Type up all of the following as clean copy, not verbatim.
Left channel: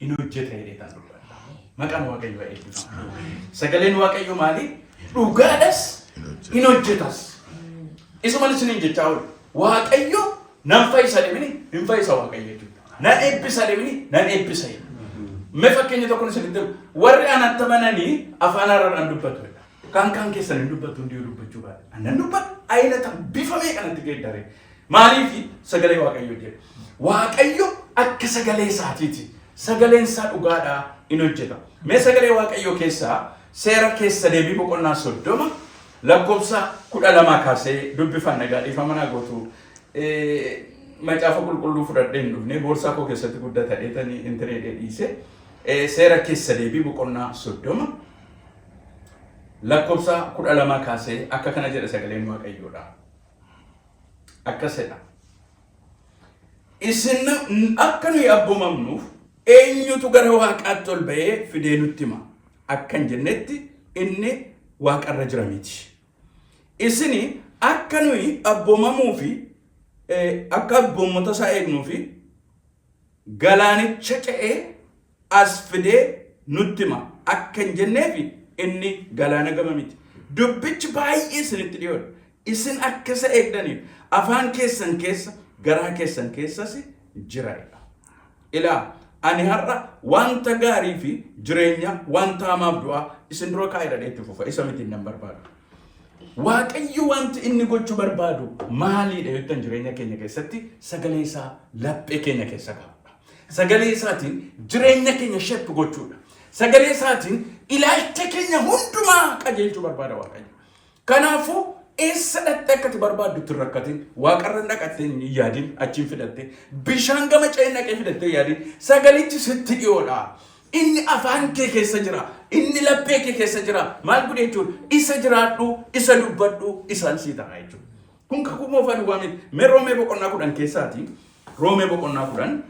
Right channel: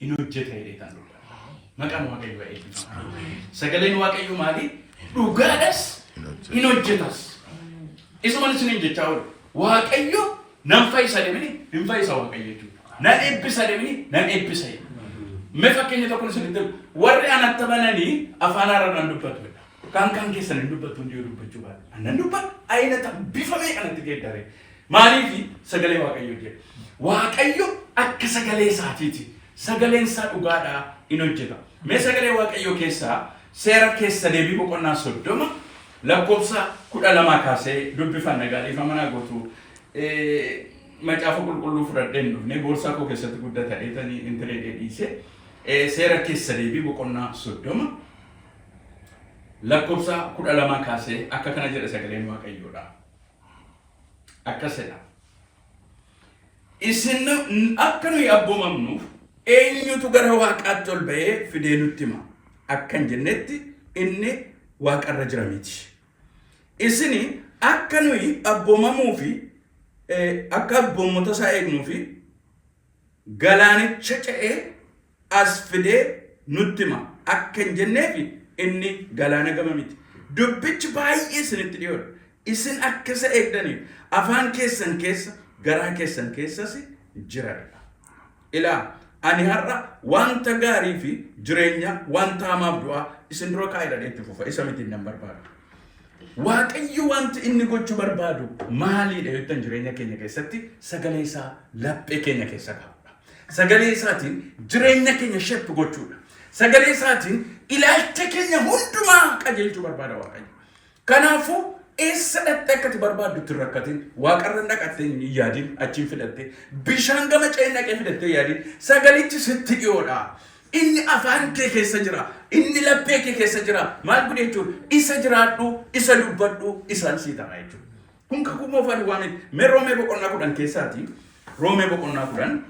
inojjeta jedheetan dubbata. Maqaan Waaqayyo eebbifama. Sagaleen Waaqayyo maali? Dhugaadhas inojjetas. Isumaan isiniin jechaa oolu. Waaqayyo nan fayyisa deemini hin fayyisa Waaqayyo jechuudha. Nan eebbisa deemini nan eebbisa jedha. Mee fakkeenya tokko isinitti warri anatti amananii afaan haaraan dubbatu. Kan keessan hin dubbatu hundi dubbachuu baadha. Annan dubbatu ayinata bifamee kanatti geeddaree. Maaliif sagalee Waaqayyo jedha. Waaqayyo akka sagalee isaatiiti. Sagaleen isaa dhugaadhaa in hojjeta. Mee sagalee Waaqayyo keessaa seera keessa deebii boqonnaa 30 lakkoofsa 12 kaasee dubbifanna gaadhiifama naa gootu macaafa qulqulluu fudhadheen dhufne boorsaa koo keessatti guddata dheetanii intineedhee dhiise seera keessa deebii boqonnaa 30 lakkoofsa 12 kaasee akka kana jedha sagaleen Waaqayyoodha. Akkasidha. Isin akka nuyi abbumamnuuf eenyutu gara Waaqaatti ol ba'ee fidee nutti hima. Akkan jennetti inni Waaqarra jira miti. Isini akka nuyi abbumamuu fi akka abboommota isaa eegnuu fi galaanicha ce'ee as fidee nutti hima. Akkan jenneefi inni galaana gama miti. Dubbichi baay'ee isinitti dhiyoodha. Isin akka isa eegdaniif afaan keessan keessa garaa keessan keessas jiraadha. Ilaa ani har'a wanta gaarii fi jireenya wanta hamaaf du'aa isin dura kaa'edha itti fufa isa miti nan barbaadu. Waaqayyo wanti inni gochuu barbaadu maaliidha jettan jireenya keenya keessatti sagalee isaa laphee keenya keessa kaa'udha. Sagalee isaatiin jireenya keenya sheppi gochuudha. Sagalee isaatiin ilaalcha keenya hundumaa qajeelchuu barbaada Waaqayyo. Kanaafuu eessa dhattee akkati barbaaddutti hin rakkatin Waaqarra dhaqattee hin yaadin achiin fidattee bishaan gama ce'ee dhaqee fidattee yaadin sagalichi sitti dhiyoodha. Inni afaan kee keessa jira. Inni laphee kee keessa jira. Maal godhe jechuudha? Isa jiraadhu, isa dubbadhu, isaan sii ta'a jechuudha. Kun kakuu moofaan waa miti. Mee Roomee boqonnaa 10 keessaati. Roomee boqonnaa 10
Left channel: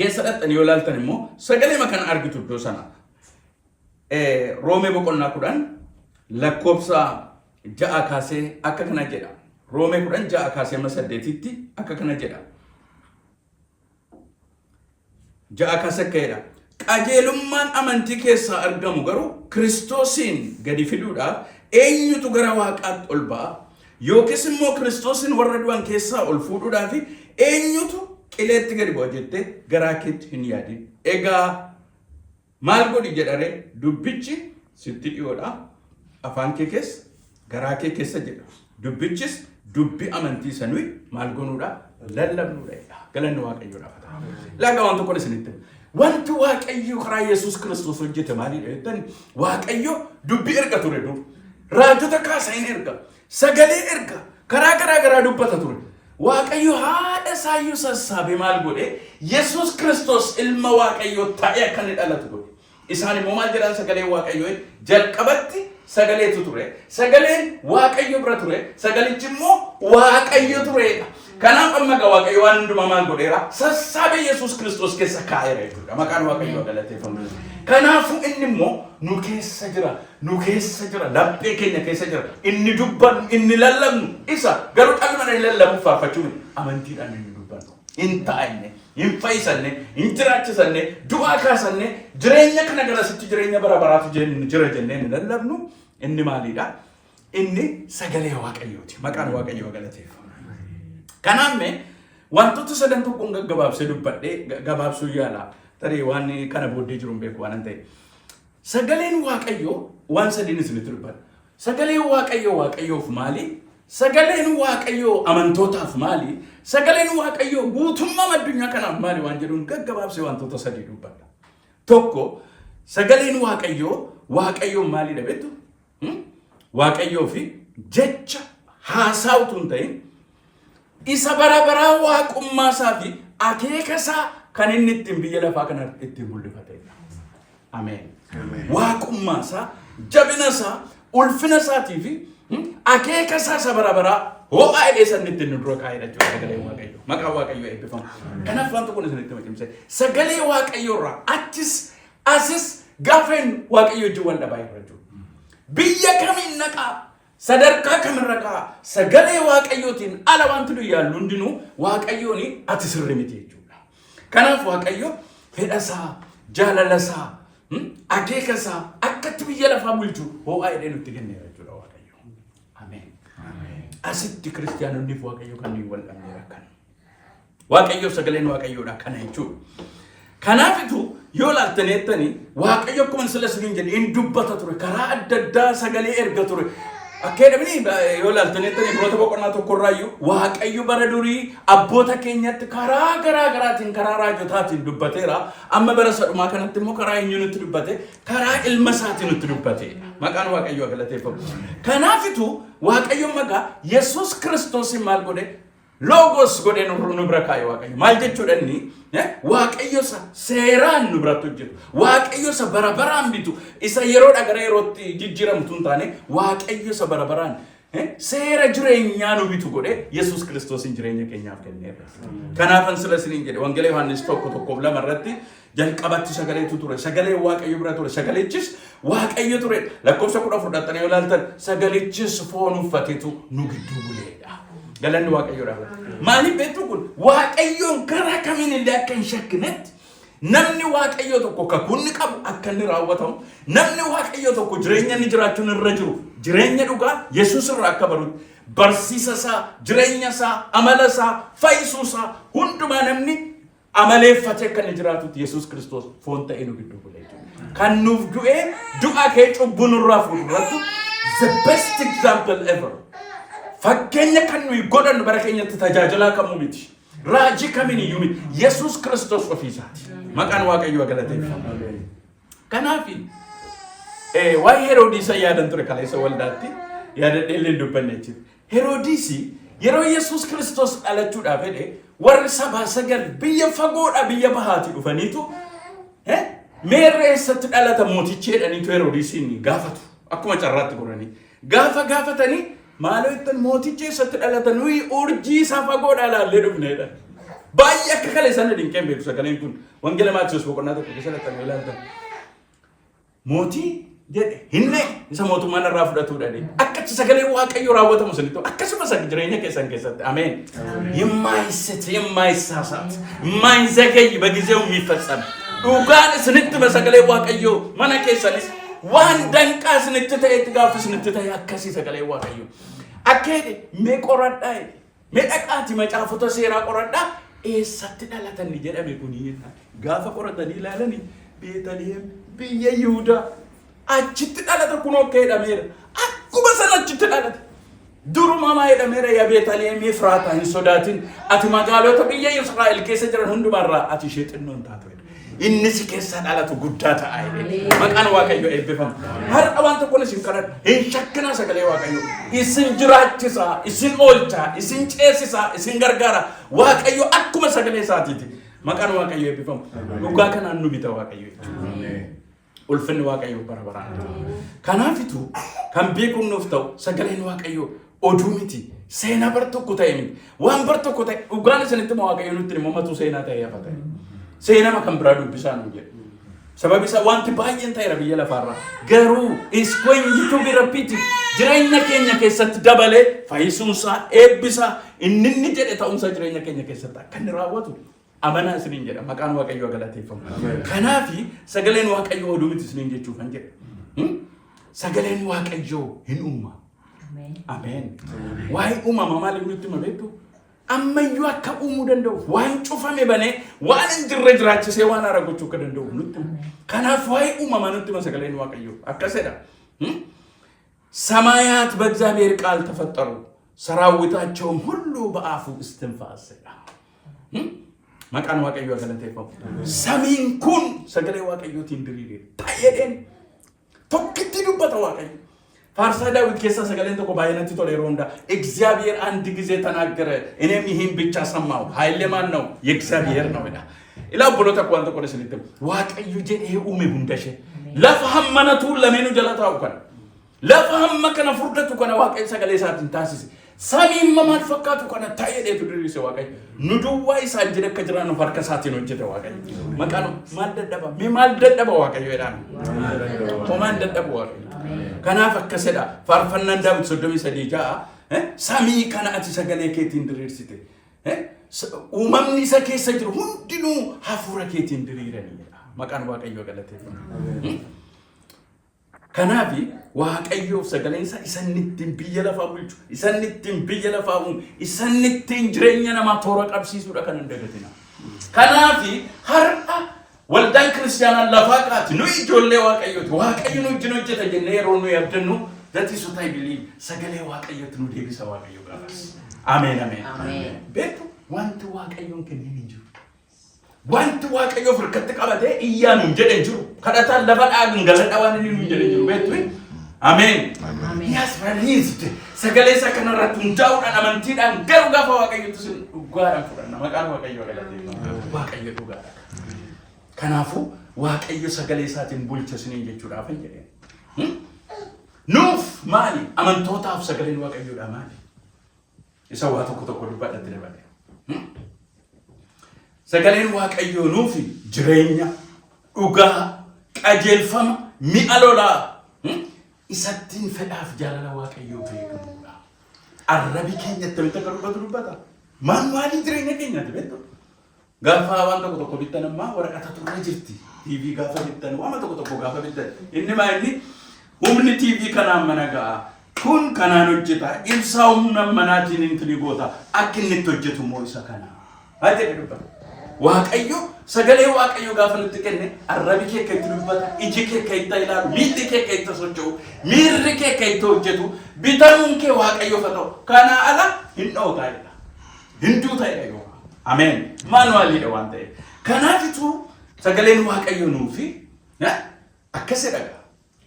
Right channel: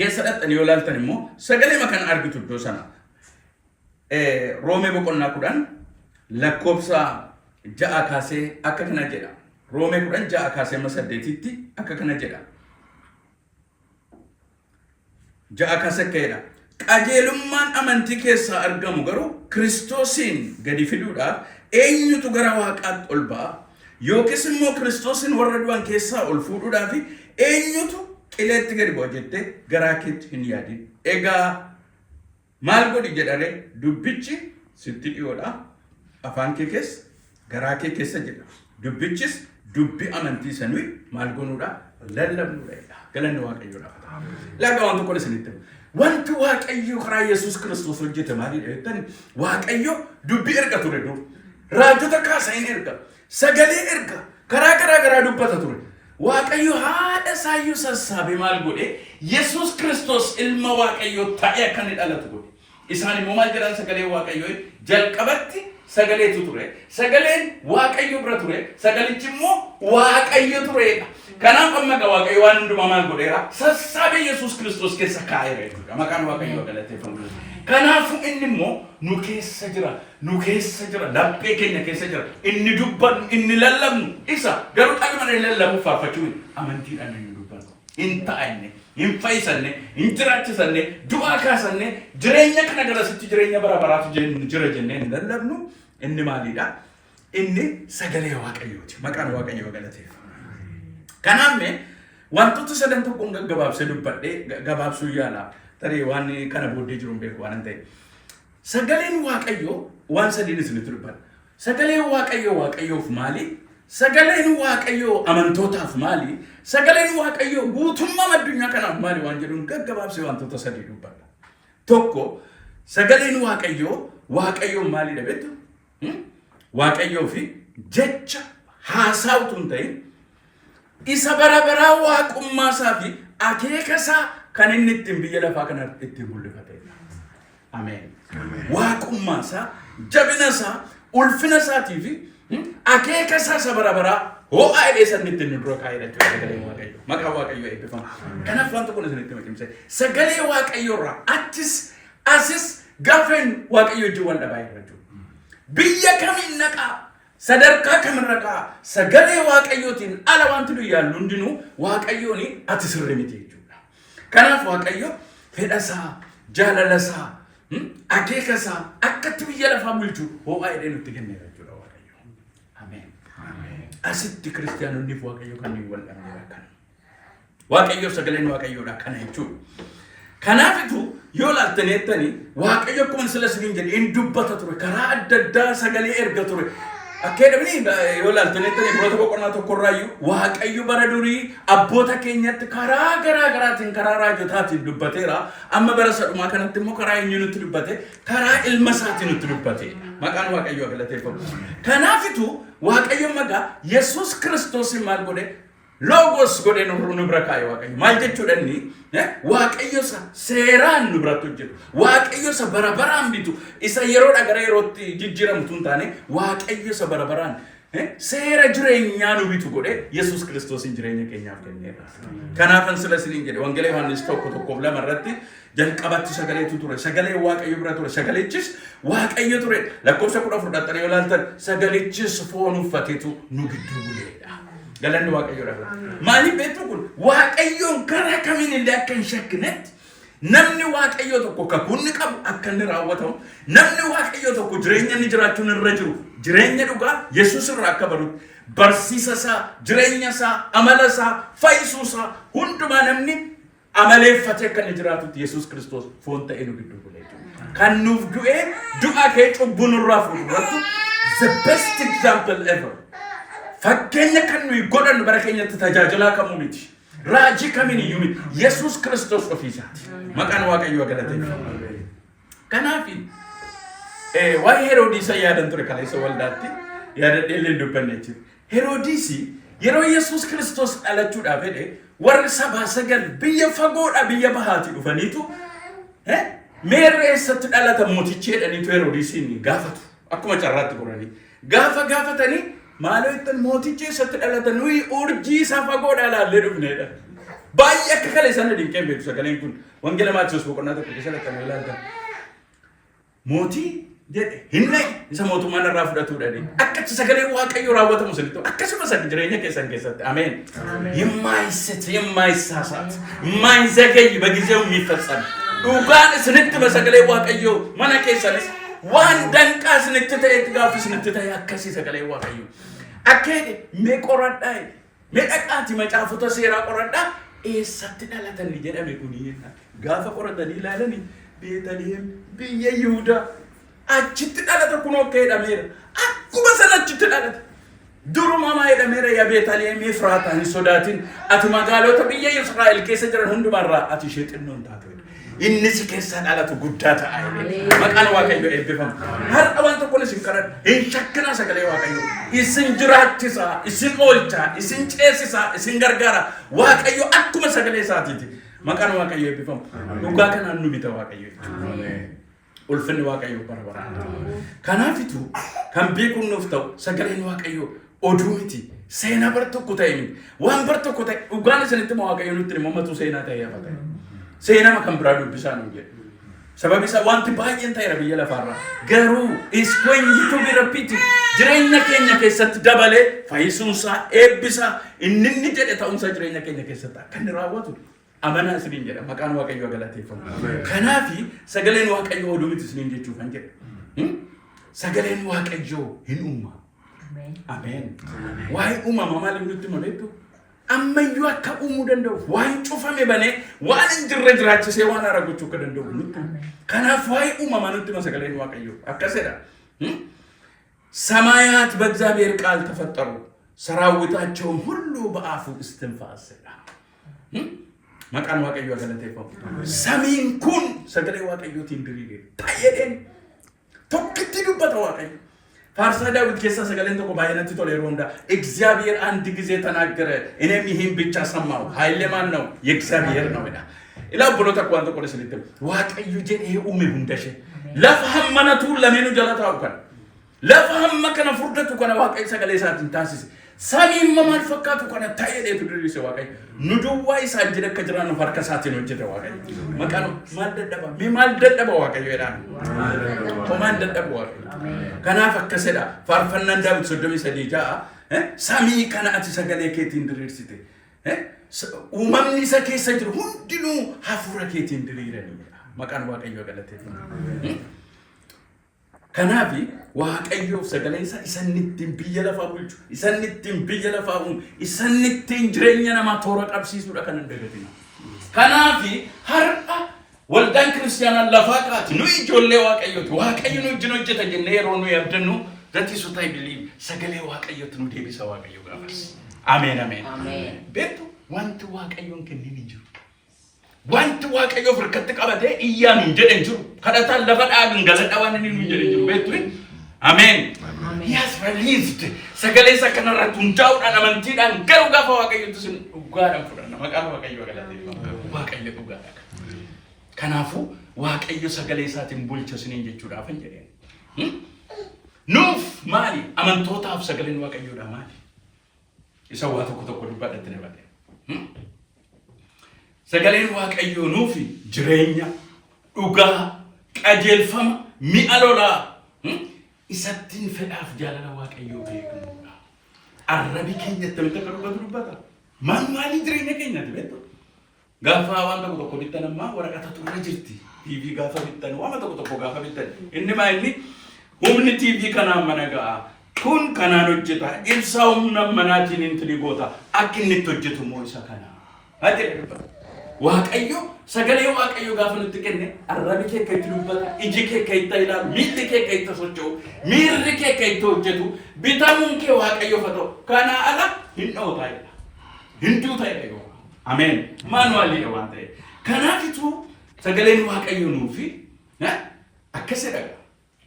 keessa dhattanii yoo ilaaltan immoo sagalee makan argitu iddoo sana. Roomee boqonnaa 10 lakkoofsa 6 kaasee akka kana jedha. Roomee 10 6 kaasee 8tti akka kana jedha. 6 kaasee akka jedha. Qajeelummaan amantii keessaa argamu garuu Kiristoosiin gadi fiduudhaaf eenyutu gara Waaqaatti ol ba'a yookiis immoo Kiristoosiin warra du'an keessaa ol fuudhuudhaaf eenyutu qileetti gadi bu'a jettee garaa keetti hin yaadin. Egaa maal godhi jedhare dubbichi sitti dhiyoodha. Afaan kee keessa garaa kee keessa jedha. Dubbichis dubbi amantii sanuu maal gonuudha lallabnuudha. Galanni Waaqayyoodhaaf ta'a. Laga waan tokko isinitti wanti Waaqayyo karaa Yesuus Kiristoos hojjete maaliidha jettan Waaqayyo dubbii erga ture dur raajota kaasaa hin erga sagalee erga karaa garaa dubbata ture Waaqayyo haadha isaayyuu sassaabee maal godhe Yesuus Kiristoos ilma Waaqayyo ta'ee akka inni dhalatu godhe isaan immoo maal jedhan sagalee Waaqayyo jalqabatti sagaleetu ture sagaleen Waaqayyo bira ture sagalichi immoo Waaqayyo tureedha. Kanaaf amma Waaqayyo waan hundumaa maal godheera sassaabee Yesuus Kiristoos keessa kaa'eera jechuudha. Maqaan Waaqayyoo galateeffamu. Kanaafuu inni immoo nu keessa jira laphee keenya keessa jira inni dubbannu inni lallabnu isa garuu qalma hin lallabu faarfachuu amantiidhaan inni dubbannu hin taa'anne hin fayyisanne hin jiraachisanne du'aa kaasanne jireenya kana garasitti jireenya bara baraatu jira jennee hin lallabnu inni maaliidha inni sagalee Waaqayyooti. Maqaan Waaqayyoo galateeffamu. Kanaafuu wantoota sadan tokkoon gaggabaabsee dubbadhee gabaabsuu yaala. Tarii waan kana booddee jiru hin beeku waan ta'eef. Sagaleen Waaqayyoo waan sadiin isinitti dubbata. Sagaleen Waaqayyoo Waaqayyoof maali? Sagaleen Waaqayyoo amantootaaf maali? Sagaleen Waaqayyoo guutummaa addunyaa kanaaf maali waan jedhuun gaggabaabsee wantoota sadii dubbata. Tokko sagaleen Waaqayyoo maalidha beektu? Waaqayyoo fi jecha haasawutu hin ta'in isa bara baraa waaqummaa isaa fi akeeka isaa kan inni ittiin biyya lafaa kana ittiin mul'ifatedha. Ameen. Waaqummaa isaa, jabina isaa, ulfina isaatii fi akeeka isaa isa bara baraa ho'aa hidhee sanni ittiin nu dura kaa'edha jechuudha sagalee Waaqayyoo. Maqaan Waaqayyoo eebbifamu. Kanaaf waan tokko isinitti himse sagalee Waaqayyoo irraa achis asis gaafeen Waaqayyoo wajjin wal dhabaa irra jiru. Biyya kamiin naqaa sadarkaa kamirraa sagalee Waaqayyootiin ala wanti nu yaallu hundinuu Waaqayyoon ati sirrii miti jechuudha. Kanaaf Waaqayyo fedha isaa jaalalasa akeekasa akkatti biyya lafaa bulchu ho'aa jedhee nutti kennee jechuudha Waaqayyo. Ameen. Asitti kiristaanonni Waaqayyo kan wal dhabnee kan Waaqayyo sagaleen Waaqayyoodha kana jechuudha. Kanaafitu yoo laaltaneettanii Waaqayyo akkuma sila siniin jedhe in dubbata ture karaa adda addaa sagalee erga ture. Akkeedhamni yoo laaltaneettanii biroota boqonnaa tokkorraayyuu Waaqayyo bara durii abboota keenyatti karaa garaa garaatiin karaa raajotaatiin dubbateera. Amma bara sadhumaa kanatti immoo karaa eenyu nutti dubbate karaa ilma isaatiin nutti dubbate. Maqaan Waaqayyoo galateeffamu. Kanaafitu Waaqayyo magaa Yesuus Kiristoosin maal godhe Logos godhe nu bira kaa'e Waaqayyo. Maal jechuudha inni Waaqayyo seeraan nu biratti hojjetu. Waaqayyo bara baraan bitu. Isa yeroodha gara yerootti jijjiiramtu hin taane Waaqayyo bara baraan seera jireenyaa nu bitu godhe Yesuus Kiristoosin jireenya keenyaaf kenneera. Kanaafan sila isiniin jedhe Wangeela Yohaannis 1:2 irratti jalqabatti sagaleetu ture. Sagalee Waaqayyo bira ture. Sagalichis Waaqayyo ture. Lakkoofsa 14 fudhattanii yoo ilaaltan sagalichis foon uffateetu nu gidduu buleedha. Galanni Waaqayyoodha. Maaliif beektu kun Waaqayyoon gara kamiin illee akka hin shakkinetti namni Waaqayyo tokko kakunni qabu akka inni raawwatamu namni Waaqayyo tokko jireenya inni jiraachuun irra jiru jireenya dhugaa Yesuus irraa akka barutti barsiisa isaa jireenya isaa amala isaa fayyisuu isaa hundumaa namni amaleeffatee akka inni jiraatutti Yesuus Kiristoos foon ta'ee nu gidduu bulee jiru. Kan nuuf du'ee du'a kee cubbuu nurraa fuudhuratti the best example ever. Fakkeenya kan nuyi godhannu bara keenyatti tajaajilaa kamuu miti. Raajii kamiin iyyuu miti. Yesuus Kiristoos ofiisaati. Maqaan Waaqayyoo galateeffamu. Kanaaf waa'ee Heroodisa yaadan ture kaleessa waldaatti yaadadhee illee dubbanne jechuudha. Heroodisi yeroo Yesuus Kiristoos dhalachuudhaaf jedhe warri sabaa sagal biyya fagoodha biyya bahaati dhufaniitu meerree eessatti dhalata mootichi jedhaniitu Heroodisiin gaafatu. Akkuma carraatti goranii. Gaafatanii maaloo ittiin mootichi eessatti dhalata nuyi urjii isaa fagoodhaa ilaallee dhufneedha. Baay'ee akka kale sana dinqeen beeku sagaleen kun Wangeela Maatiyoos boqonnaa tokko keessatti kan ilaaltan. Mootii jedhe hinne isa mootummaan irraa fudhatuudha jedhe. Akkatti sagalee Waaqayyoo raawwatamu sanitti akkasumas jireenya keessan keessatti ameen. የማይሳሳት የማይዘገይ በጊዜው የሚፈጸም dhugaan isinitti sagalee Waaqayyoo mana keessanis waan danqaa isinitti ta'etti gaafa isinitti ta'e akkasii sagalee Waaqayyoo. Akkeedhe mee qoradhaa mee dhaqaati macaafota seeraa qoradhaa eessatti dhalatan jedhame kuni gaafa qoratanii ilaalanii Beetaliheem biyya Yihuudaa achitti dhalata kunoo jedhameera. Akkuma sana achitti dhalata. Duruma maa jedhameera yaa Beetaliheem Efraataa hin sodaatin ati magaalota biyya Israa'el keessa jiran hundumarraa ati ishee xinnoon taate. Inni si keessa dhalatu guddaa ta'a. Maqaan Waaqayyoo eebbifamu. Har'a waan tokko isin kadhadha. Hin shakkina sagalee Waaqayyoo. Isin jiraachisa, isin oolcha, isin ceesisa, isin gargaara. Waaqayyo akkuma sagalee isaatiiti. Maqaan Waaqayyoo eebbifamu. Dhugaa kanaan nu bita Waaqayyoo jechuudha. Ulfinni Waaqayyoo bara baraan. Kanaafitu kan beekuun nuuf ta'u sagaleen Waaqayyoo oduu miti. Seenaa bar tokko ta'e miti. Waan bar tokko ta'e dhugaan isinitti Waaqayyoo nutti himamatu seenaa ta'ee hafa ta'e. Seenama kan biraa dubbisaa nu jedhu. Sababi isaa wanti baay'een ta'eera biyya lafaarraa. Garuu is going to be repeated. Jireenya keenya keessatti dabalee fayyisuunsaa eebbisaa inni jedhe ta'umsa jireenya keenya keessatti akka inni raawwatu amanaa isiniin jedha. Maqaan Waaqayyoo galateeffamu. Kanaafi sagaleen Waaqayyoo oduu miti isiniin jechuu kan jedhe. Sagaleen Waaqayyoo hin uuma. Ameen. Waa'ee uumama maaliif nutti hima beektu? Ammayyuu akka uumuu danda'u waan cufame banee waan hin jirre jiraachisee waan haara gochuu akka danda'u nutti. Kanaaf waa'ee uumamaa nutti hima sagaleen Waaqayyoo akkasidha. ሰማያት በእግዚአብሔር ቃል ተፈጠሩ ሰራዊታቸውም ሁሉ በአፉ እስትንፋስ መቃን Waaqayyoo ገለቴፈው ሰሚን ኩን ሰገሌ Waaqayyoo ትንድሪዴ ታየደን tokkitti dubbata Waaqayyo. Faarsaa Daawit keessa sagaleen tokko baay'inatti toleeroo hunda እግዚአብሔር አንድ ጊዜ ተናገረ እኔም ይህን ብቻ ሰማሁ ኃይሌ ማን ነው የእግዚአብሔር ነው ይላል። ኢላው ብሎታ ቋንቋ ቆለስ ልትም Waaqayyo jedhe uume hundashe lafa hammanatu lamenu jalata ukan lafa hamma kana furdatu kana Waaqayyo sagalee isaatiin taasise samiin maal fakkaatu kana ta'eedheetu diriirse Waaqayyo nu duwwaa isaa jira akka jiraan harka isaatiin hojjete Waaqayyo maqaan maal dadhaba Waaqayyo jedhaan homaan dadhaba Waaqayyo. Kanaaf akkasidha faarfannaan Daawit 33 samii kana ati sagalee keetiin diriirsite uumamni isa keessa jiru hundinuu hafuura keetiin diriiranii Maqaan Waaqayyoo galateeffama. Kanaafi Waaqayyoof sagaleen isaa isannittiin biyya lafaa bulchu, isannittiin biyya lafaa uumu, isannittiin jireenya namaa toora qabsiisuudha kan hin dagatina. Kanaafi har'a waldaan kiristaanaa lafaa kaati nu ijoollee Waaqayyooti. Waaqayyo nu wajjin hojjeta jennee yeroo nu yaabdannu that is what I believe. Sagalee Waaqayyootti nu deebisa Waaqayyo gaafas. Ameen ameen. Beektu wanti Waaqayyoon kennin hin jiru. Wanti Waaqayyo harkatti qabatee iyyaan hin jedhan jiru. Kadhataan lafa dhaagan galadha waan inni hin jedhan jiru. Beektu? Ameen. He has released sagalee isa kanarratti hundaa'uudhaan amantiidhaan garuu gaafa Waaqayyotti sin dhugaadhaan fudhanna. Maqaan Waaqayyoo galateeffama. Waaqayyo dhugaadha. Kanaafuu Waaqayyo sagalee isaatiin bulcha siniin jechuudhaaf hin jedheen. Nuuf maali? Amantootaaf sagaleen Waaqayyoodhaa maali? Isa waa tokko dubbadhatti dabalee. Sagaleen Waaqayyoo nuufi jireenya, dhugaa, qajeelfama, mi'a lolaa isattiin fedhaaf jaalala Waaqayyoo beekamuudha. Arrabi keenyatti mita akka dubbata. Maaliin jireenya keenyaati beektu? Gaafa waan tokko bittan ammaa waraqata turre jirti. TV gaafa bittan waan tokko gaafa bittan. Inni maali? Humni TV kanaan mana ga'a. Kun kanaan hojjeta. Ibsaa humna manaatiin intini goota. Akka inni itti hojjetu immoo isa kana. Haa jedhe dubbata. Waaqayyo sagalee Waaqayyo gaafa nutti kenne arrabi kee akka itti dubbata, iji kee akka itti ilaalu, miilli kee akka itti socho'u, miirri kee akka itti hojjetu, bitamuun kee Waaqayyoof haa ta'u. Kana ala hin dhootaa'edha. Hinduu ta'edha yoo. Ameen. Maanuwaaliidha waan ta'e. Kanaafituu sagaleen Waaqayyo nuufi akkasidha.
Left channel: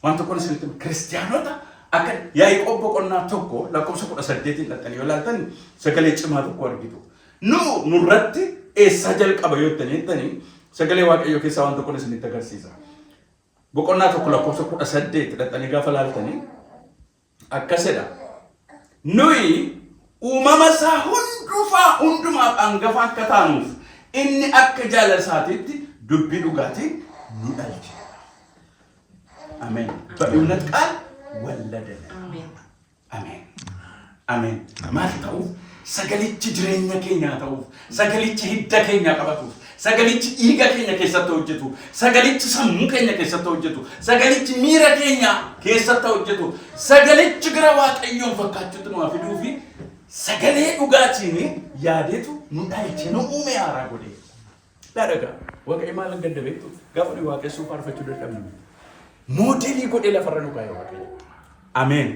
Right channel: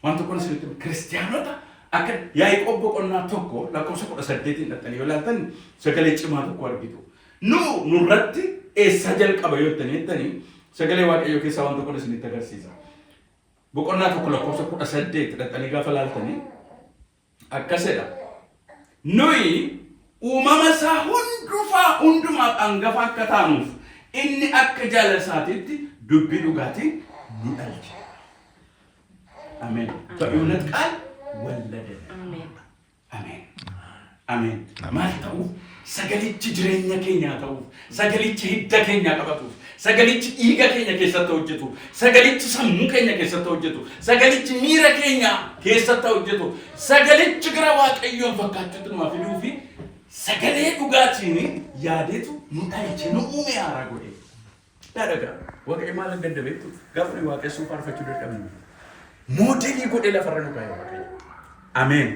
Waan tokkoon isinitti kiristaanota akka Yaaqoob boqonnaa tokko lakkoofsa 18 dhattanii yoo ilaaltan sagalee cimaa tokko argitu. Nurratti eessaa jalqaba yoo jettanii sagalee Waaqayyoo keessaa waan tokkoon isinitti agarsiisa. Boqonnaa tokko lakkoofsa 18 dhattanii gaafa ilaaltanii akkasidha. Nuyi uumama isaa hundumaaf hangafa akka taanuuf inni akka jaalala isaatiitti dubbii dhugaatiin nu dhalche. Amen. በእውነት ቃል ወለደን። አሜን አሜን። ማል ta'uuf sagalichi jireenya keenya ta'uuf sagalichi hidda keenya qabatuuf sagalichi dhiiga keenya keessatti hojjetu sagalichi sammuu keenya keessatti hojjetu sagalichi miira keenya keessatti hojjetu sagalichi gara Waaqayyoon fakkaachuutti nu fiduu fi sagalee dhugaatiin yaadeetu nu dhalche nu uume haaraa godhe. Dhagaa Waaqayyo maal hin dandabeettu gaafa ni waaqessuu faarfachuu dadhabnu. Modeli godhe lafarra nu kaayee Waaqayyo. Ameen.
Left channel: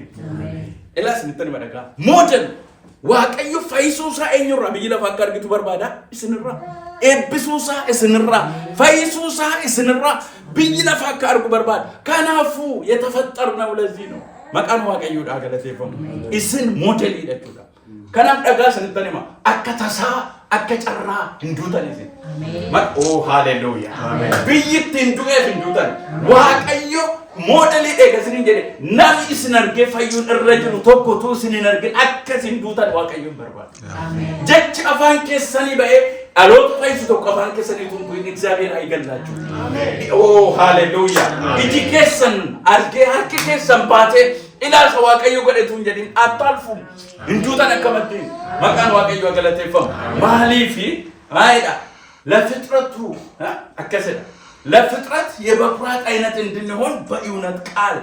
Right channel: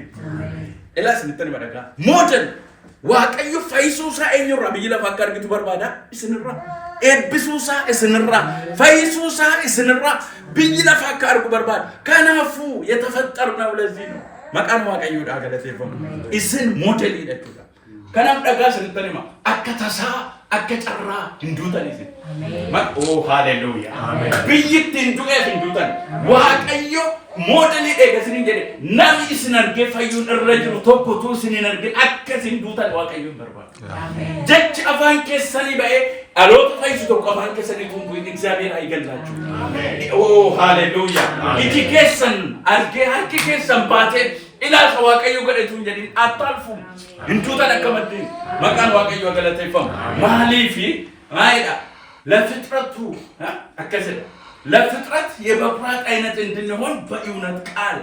Elas nittani madaka. Model Waaqayyo fayyisuu isaa eenyurraa biyyi lafa akka argitu barbaada isinirraa. Eebbisuu isaa isinirraa. Fayyisuu isaa isinirraa biyyi lafa akka argu barbaada. Kanaafuu የተፈጠርነው ለዚህ ነው. Maqaan Waaqayyoodhaa galateeffamu. Isin modeliidha jechuudha. Kanaaf dhagaa isinitti hima akka tasaa akka carraa hin duutan isin. Oh hallelujah. Amen. Biyyittiin hin du'eef hin duutan. Waaqayyo modelii eegasiniin jedhe namni isin argee fayyuun irra jiru tokko tuu isin hin argin akka isin duutan Waaqayyo hin barbaadu. Jechi afaan keessanii ba'ee dhaloota fayyisu tokko afaan keessanii tuntuun እግዚአብሔር አይገላችሁ. Oh hallelujah. Iji keessan argee harki keessan baatee ilaalcha Waaqayyo godhetuun jedhin attalfu hin duutan akka maddeen maqaan Waaqayyo galateeffamu. Maaliifi haayidha ለፍጥረቱ አከሰለ ለፍጥረት የበኩራት አይነት እንድንሆን በእውነት ቃል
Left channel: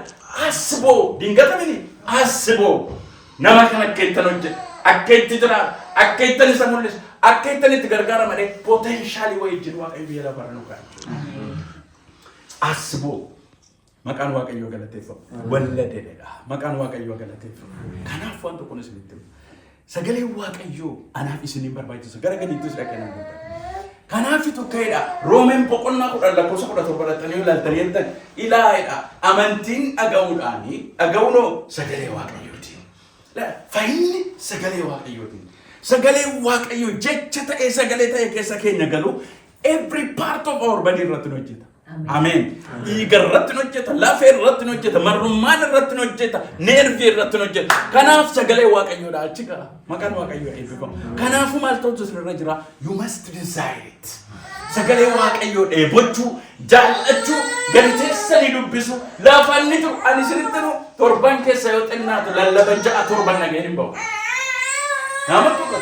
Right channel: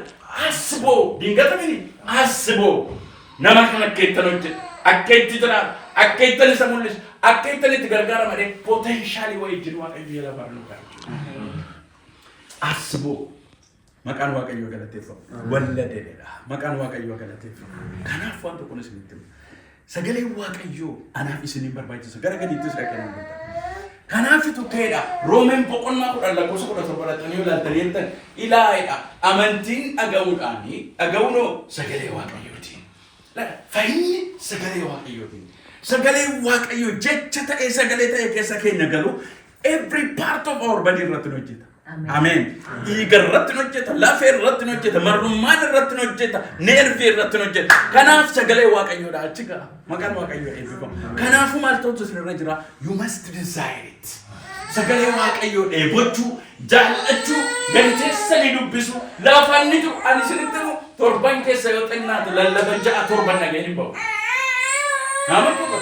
አስቦ ድንገተምን አስቦ ነማከነከተኖች አከይትድራ አከይተን ሰሙልስ አከይተን ትገርጋራ ማለት ፖቴንሻሊ ወይ ጅሉ አቀዩ የላባር ነው አስቦ መቃን ዋቀዩ ገለቴፈው ወለደደዳ መቃን ዋቀዩ ገለቴፈው ካናፋን ተቆነስ ልትም ሰገሌ ዋቀዩ አናፊስኒ በርባጅ ሰገረገዲትስ ለከነ Kanaafitu keedha Roomeen boqonnaa 10 lakkoofsa 17 ilaaltanii ilaa'edha. Amantiin dhaga'uunoo sagalee Waaqayyootiin. Fayyinni sagalee Waaqayyootiin. Sagalee Waaqayyoo jecha ta'ee sagalee ta'ee keessa keenya galu every part of our body irratti hojjeta. Amen. Dhiiga irratti hojjeta, lafee irratti hojjeta, marrummaan irratti hojjeta, neervii irratti hojjeta. Kanaaf sagalee Waaqayyoodha achi ga'a. Maqaan Waaqayyoo eebbifamu. Kanaafuu maal ta'utu isinirra jira? You must desire it. Sagalee Waaqayyoo dheebochuu, jaallachuu, gadi teessanii dubbisu, laafanni jiru ani isinitti nu torban keessa yoo xinnaatu lallaba 6 torban nageen hin ba'u. Nama tokko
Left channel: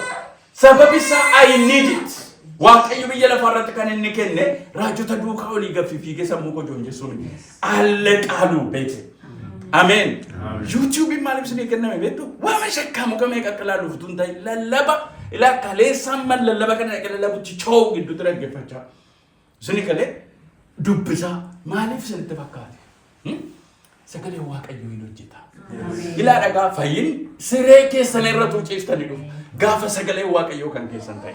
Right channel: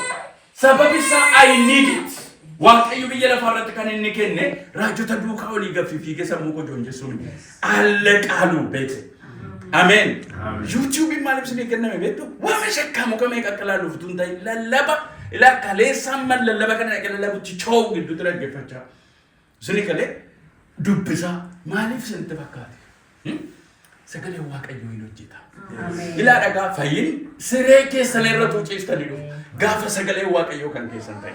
sababi isaa I need it. waaqayyo biyya lafarratti kan inni kenne raajota duukaa olii gaffi fiigee sammuu koo joonjessuun alla qaaluu beete. Amen. YouTube maaliif isin kenname beektu waama shakkamu kamee qaqqalaaluuf tun ta'e lallaba ilaa kaleessaan mal lallaba kana lallabutti choo gidduutti dhaggeeffachaa. Isin kalee dubbisaa maaliif isinitti fakkaate? Sagalee waaqayyoo hin hojjeta. Ilaa dhagaa fayyin siree keessan irra tuuciistanii dhufu gaafa sagalee waaqayyoo kan keessan ta'e.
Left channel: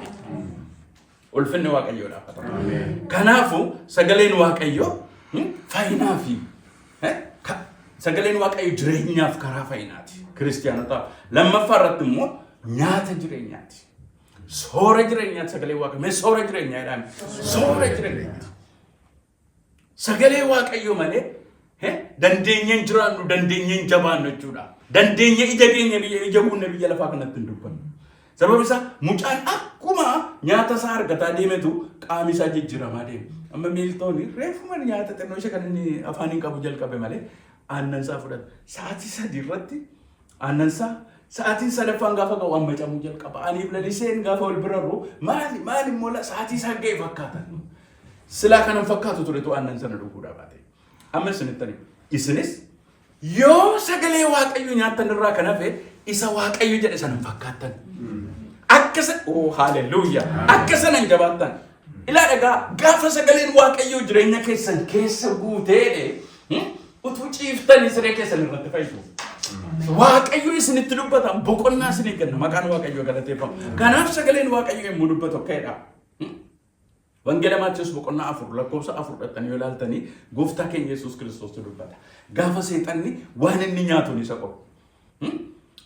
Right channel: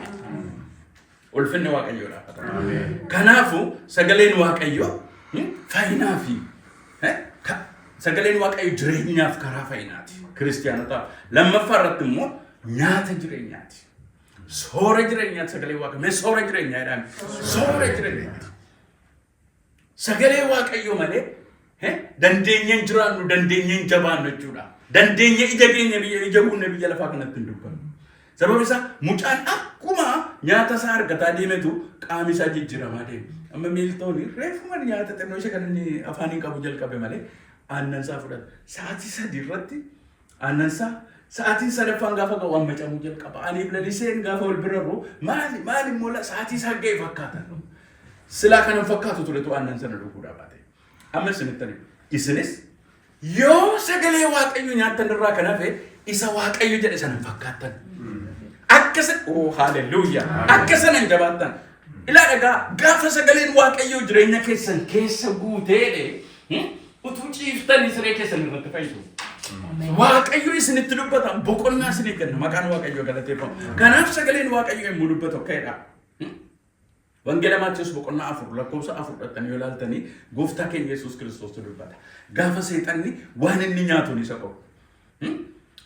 Ulfinni waaqayyoo dhaafata. Kanaafuu sagaleen waaqayyoo fayyinaa fi sagaleen waaqayyoo jireenyaaf karaa fayyinaati. Kiristiyaanotaaf lammaffaa irratti immoo nyaata jireenyaati. Soora jireenyaati sagalee waaqayyoo. Soora jireenyaa jedhame. Soora jireenyaati. Sagalee waaqayyoo malee dandeenyeen jiraannu dandeenyeen jabaannu jechuudha. Dandeenya ija keenya ija guunne biyya lafaa kanatti hin dubbannu. Sababni isaa mucaan akkuma nyaata isaa argataa deemetu qaamni isaa jijjiiramaa deema. Amma miiltoonni reefuma nyaata xinnoo ishee kan inni afaaniin qabu jalqabe malee aannan isaa fudhata. Sa'aatii 3 irratti aannan isaa sa'aatiin 3ffaan gaafa qabu amma camuu jalqaba. Aniif laliseen gaafa wal bira roo maali immoo sa'aatii isaa ga'e fakkaatan. Silaa kanan fakkaatu turetu aannan sana dhuguudha baate. Amma isinittani isinis yoo sagalee waaqayyo nyaattan irraa kan hafe isa waaqayyo jedhe sanan fakkaatan. Akkasa hallelujah akkasa nan jabaatan. Ilaa dhagaa gaafa sagaleen waaqayyo jireenya keessan keessa guuteedhe utuu ciiftanii siree keessan irratti fayyidu. Waaqayyo isinitti dubbata boqonnaa isinii kenna maqaan waaqayyo galateeffamu. Kanaaf sagaleen waaqayyo yommuu dubbatu akkaidha. Wangeela Maatiyoos boqonnaa 4 lakkoofsa 4 dhattanii yoo ilaaltanii gooftaa keenya Yesuus Kiristoos dubbata. Gaafa seexanni waan inni nyaatuun isa qabu.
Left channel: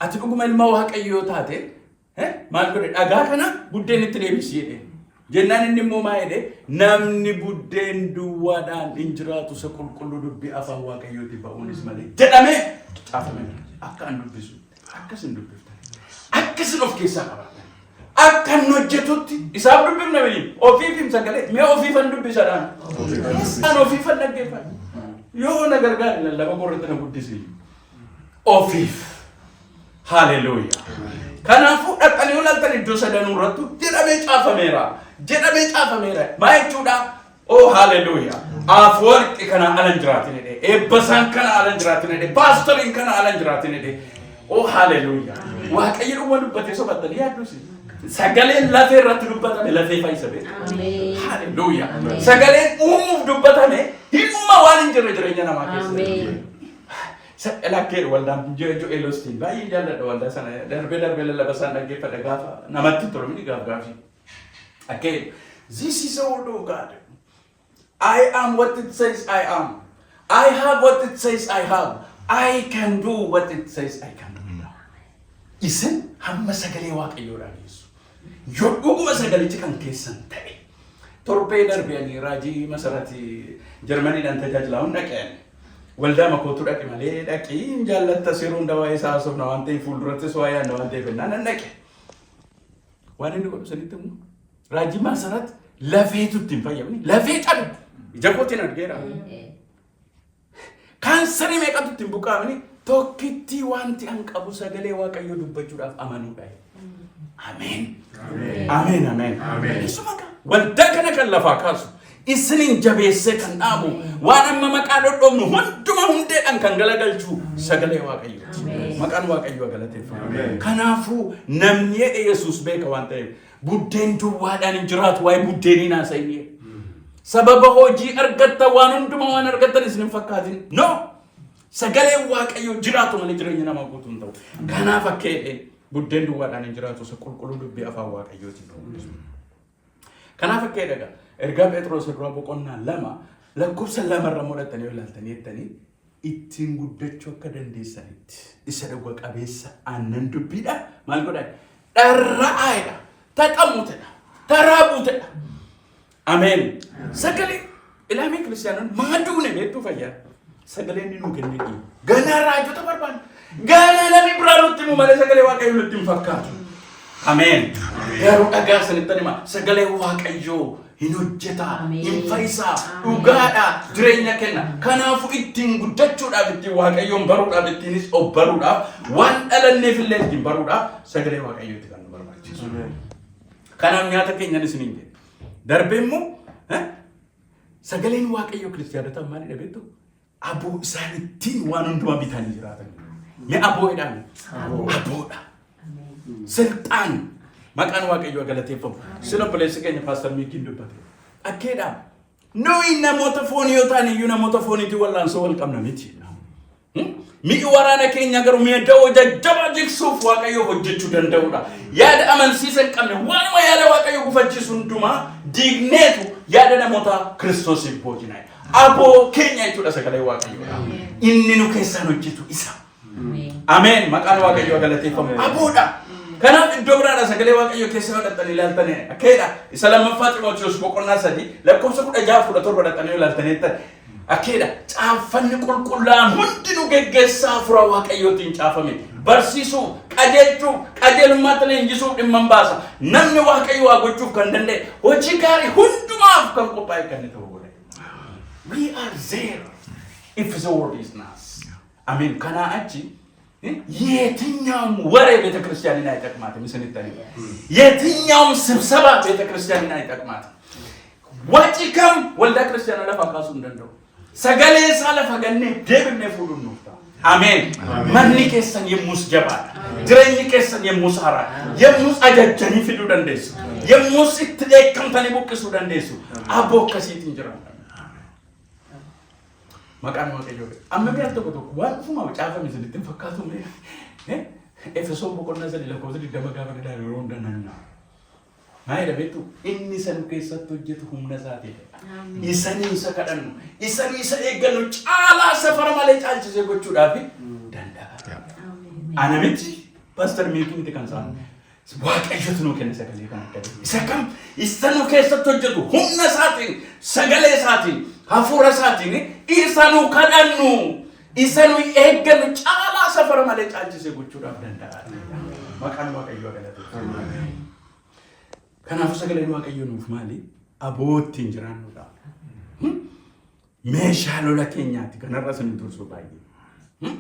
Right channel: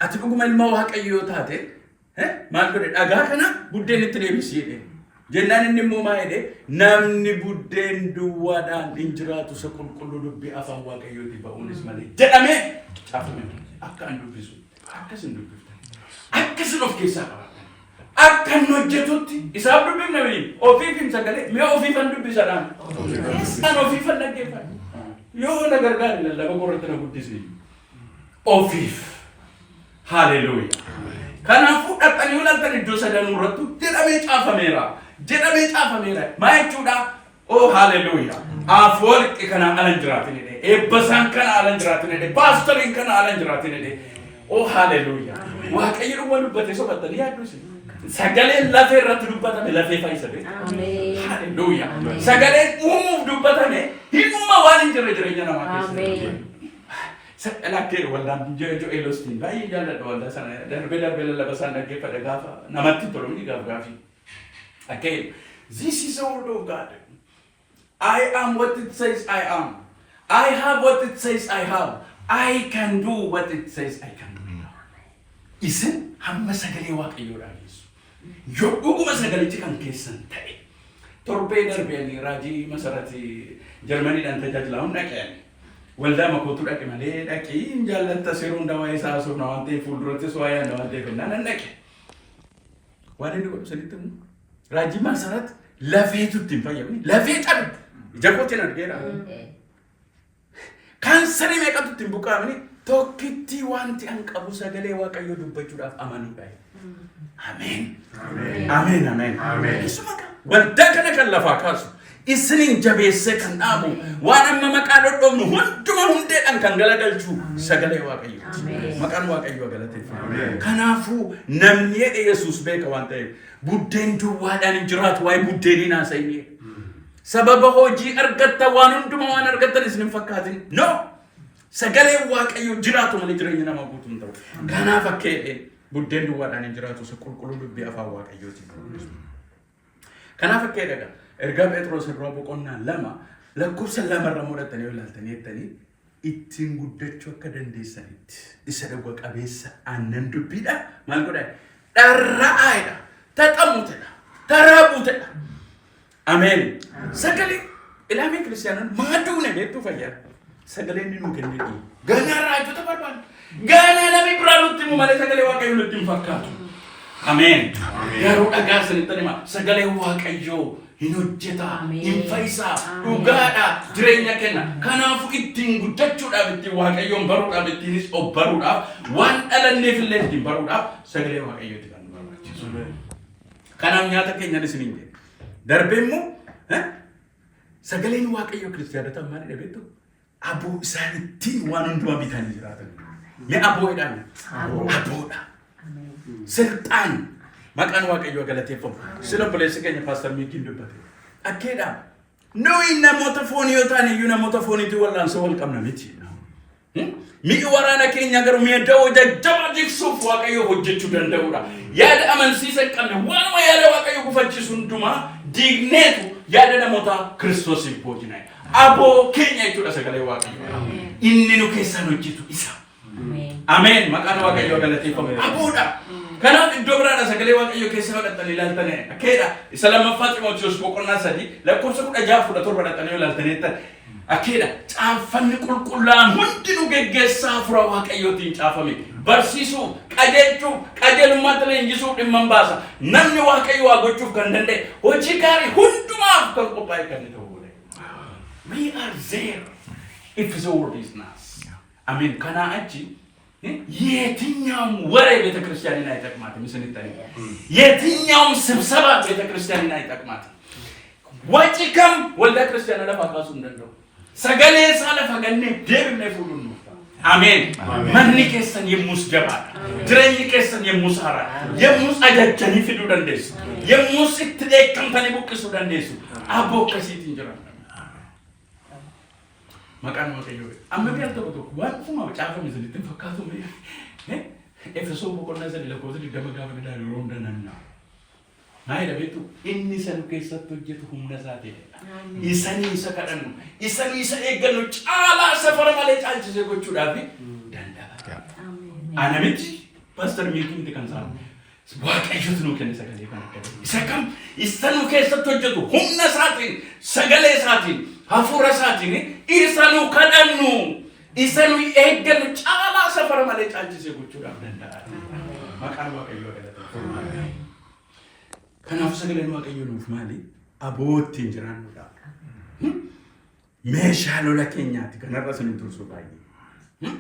Ati dhuguma ilma waaqayyoo taate maal godhe dhagaa kana buddeen itti deebisi jedhe. Jennaan inni immoo maa jedhe namni buddeen duwwaadhaan hin jiraatu isa qulqulluu dubbii afaan waaqayyooti ba'uunis malee jedhamee caafame. Akka an dubbisu akkasin dubbifta. Akkasin of keessaa qaba. Akkan hojjetutti isaaf dubbifna waliin ofiif hin sagalee mee ofiifan dubbisadhaan. Isaan ofiifan dhaggeeffatu. Yoo na gargaare lallaba gorratti na guddisi. Ofiif. Hallelujah. Kanaafuu dhaqqanii ulaaltan iddoo sadanuu irrattu jedhamee caafameera. Jedhamee caafameera. Maa jechuudha? Hallelujah. Afwarqi kana alan jiraatin jedhe. Eebbasaan kana alan jiraatin jedhe. Paastoriin kana alan jiraatin jedhe. Hallelujah. Waaqayyo dhuma dubbatee sobattanii yaaddusi. Sagaleen lafee irratti dubbatame lafee fayyisa beektu. Hallelujah. Sagaleen uumuuf dubbatame himuma waan hin jirre jireenya namaa keessa. Lakkee waldaan Joel Osteen baay'ee jaalladha waldaa sana darbee lallaba isaan dhaggeeffadhe gaafa namatti tolu miti gaafii. Okay, this is all of God. I am what it says I am. I have what it says I have. I can do what it says I can do. Isin hamma sagalee waaqayyoodhaa geessu. Yoo dhuguma sagalichi kan keessan ta'e torbee darbee raajii masarati Jarmaniidhaan tajaajilamuun dhaqeen. Waldaa makootu dhaqe malee dhaqii jaalatta seeruun dawaa isaa asuuf na waan ta'eef fuuldurattis waa yaadna waan ta'eef naan dhaqe. Waan inni godhu sanitti immoo raajii masarati lafeetutti hin fayyadamne lafee cabe ija kootiin argeera. Kaansarii meeqatutti hin buqqaamne tokkitti wanti an qabu sagalee waaqayyoo dubbachuudhaaf amanuudha. Amen. Amen. Amen. Waldaa kana kan lafaa kaasu isinin jabeessee kan dhaabu waan amma maqaa dhodhomnu hunduma hundeedhaan kan galagalchu sagalee waaqayyooti. Maqaan waaqayyoo galateeffama. Kanaafuu namni jedhe Yesuus beeka waan ta'eef buddeen duwwaadhaan hin jiraatu waa'ee buddeeniin haasa'inee. Sababa hojii argatta waan hunduma waan argattan isin hin fakkaatin. No! Sagalee waaqayyoo jiraatu malee jireenya namaa guutuu hin ta'u. Kanaaf akka buddeen duwwaadhaan hin jiraatu isa qulqulluu dubbii afaan waaqayyooti. Kanaaf akka jedhaga ergaa Phexros irraa boqonnaa 2 lakkoofsa 2 irra mul'atanii yoo ilaaltanii jettanii ittiin guddachuu akka dandeessanitti isa dhugwa qabeessa aannan dubbiidha maal godhaa dharra'aadha taqamutedha taraabuutedha. Amen. Sagalee ilaamee kiristiyaanonni maaduune beektuu fayyaa sagaleen nuu kennedhi ganaa raajota barbaadu ganaa namni biraa nutti himu malee sagalee waaqayyoo nutti hin fakkaatu. Amen. Garuu dhagaa sanitti hima sagalee waaqayyoo hin hojjeta hin fayyisaa dhugaadha jireenya kenna. Kanaafuu ittiin guddachuudhaaf ittiin waaqayyoon baruudhaaf ittiinis of baruudhaaf waan dhalanneef illee ittiin baruudhaaf sagalee waaqayyooti kan nu barbaachisu. Kanaaf nyaata keenyan isiniin jedhe Darbemmo sagaleen waaqayyo kiristaanota maali dhabeettu aboo isaaniitiin waan hundumaa bitanii jiraatan. Mee aboodhaan aboodha. Sirxaan maqaan waaqayyo galateeffamu. Sila obboleessi keenya Paaster Miikiin dubbate. Akkeedhaan nuyi namoota foonii yoo ta'an iyyuu namoota fooniitiin wal'aansoo wal qabna miti. Mi'i waraana keenya garuu mi'a da'oo jajjaba jigsuuf waaqayyo hojjechuu danda'udha. Yaada amansiisa hin qabne waanuma yaada waaqayyo gufachiisu hundumaa diigneetu yaada namoota Kiristoosiif boojinaa. Aboo keenya jechuudha sagalee waaqayyo. Inni nu keessaan hojjetu isa. Ameen. Maqaan waaqayyo galateeffamu. Aboodha. Kanaaf iddoo biraadha sagalee waaqayyo keessa fudhatanii ilaaltanii akkeedha. Isa lammaffaa Xiimotewos boqonnaa 3 lakkoofsa 16-17 dhaqanii ilaaltaniitti akkeedha. Caaffanni qulqullaa'aan hundinuu geggeessaa hafuura waaqayyootiin caafame. Barsiisuu, qajeelchuu, qajeelummaatti leenjisuu dhimma hin baasa. Namni waaqayyo waa gochuuf kan danda'e hojii gaarii hundumaaf kan qophaa'e kan ta'u. We are there if the word is nice. Amen. Kana achi የትኛውም ወሬ ቤተክርስቲያንን አይጠቅማትም። ምስንተኒ የትኛውም ስብሰባ ቤተክርስቲያንን አይጠቅማትም። ወጪከም ወልደ ክርስቲያን ለፋካሱ እንደው ሰገሌ ሳለፈገነ ደብነ ፉሉን ነው። አሜን። ማንኒ ከሰን የሙስ ጀባ ድረኝ ከሰን የሙሳራ የሙስ አጃጀኒ ፍዱ ደንደስ የሙስ ትደከም ተኒ ቡቅሱ ደንደሱ አቦ ከሲት እንጀራ Maqaan waaqayyo. Amma bira tokko waanuma caafa misilitti fakkaatu mee Efesoon boqonnaa 3 lakkoofsa 20 gaafa gadaan yeroo hunda nanna. Maayii dhabeetu inni san keessatti hojjetu humna isaa ta'e. Isanii isa kadhannu, isanii isa eeggannu caalaa safara malee caalchisee gochuudhaaf danda'a. Ana miti Paaster Miikii miti kan isaan waaqayyotu nuu kenne sagalee kan akka isa kam isa nu keessatti hojjetu humna isaatiin sagalee isaatiin hafuura isaatiin isa nu kadhannu isa nu eeggannu caalaa safara malee caalchisee gochuudhaaf danda'a. Maqaan waaqayyoo galateeffatu. Kanaaf sagaleen waaqayyoo nuuf maali? Aboottiin jiraannudha. Meeshaa lola keenyaati kanarra isin tursu baay'ee.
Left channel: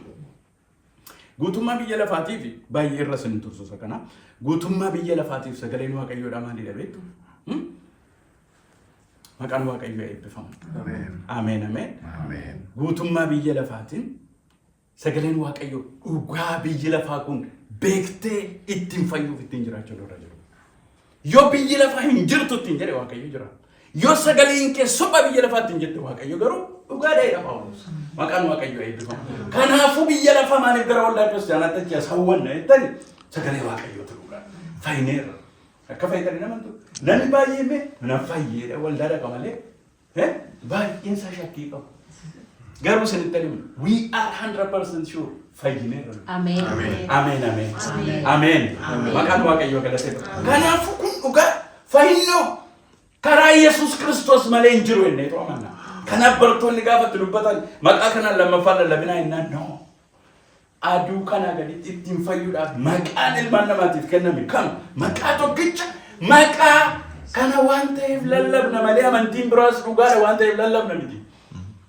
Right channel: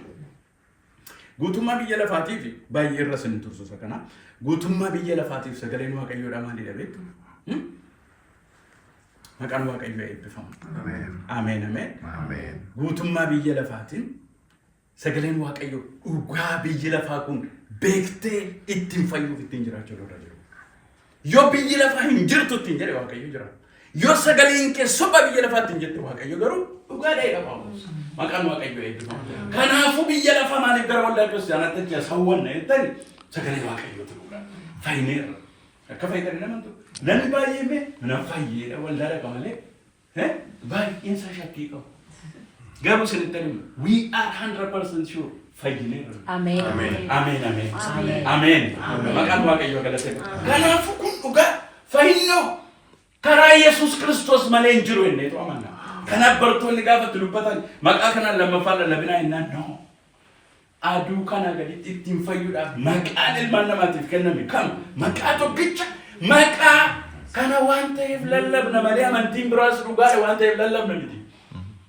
Guutummaa biyya lafaatiif baay'ee irra isin tursu kana. Guutummaa biyya lafaatiif sagaleen waaqayyoodha maali dhabeettu? Maqaan waaqayyoo eebbifamu. Ameen ameen. Guutummaa biyya lafaatiin sagaleen waaqayyoo dhugaa biyyi lafaa kun beektee ittiin fayyuuf ittiin jiraachuu irra jiru. Yoo biyyi lafaa hin jirtu ittiin jedhe waaqayyo jira. Yoo sagaleen kee soba biyya lafaatti hin jette waaqayyo garuu dhugaadha Phaawulos. Maqaan waaqayyoo eebbifamu. Kanaafuu biyya lafaa maaliif gara waldaa kiristaanaatti achi hawwanna jettani sagalee waaqayyootu dhugaa. Fayyineerra. Akka fayyadanii namantu. Namni baay'ee mee nama fayyeedha waldaa dhaqa malee baay'eensa shakkii qabu. Garuu sanittani we are 100% sure fayyineerra. Ameen. Ameen ameen. Ameen. Maqaan waaqayyoo galateeffatu. Kanaafuu kun dhugaa fayyinoo karaa Yesuus Kiristoos malee hin jiru inni ta'u amanna. Kanaaf barattoonni gaafa dubbatan maqaa kanaan lammaffaa lallabinaa innaan noo. Aduu kana gaditti ittiin fayyuudhaaf maqaan ilmaan namaatiif kenname kam maqaa tokkicha maqaa kana waan ta'eef lallabna malee amantiin biraas dhugaadha waan ta'eef lallabna miti.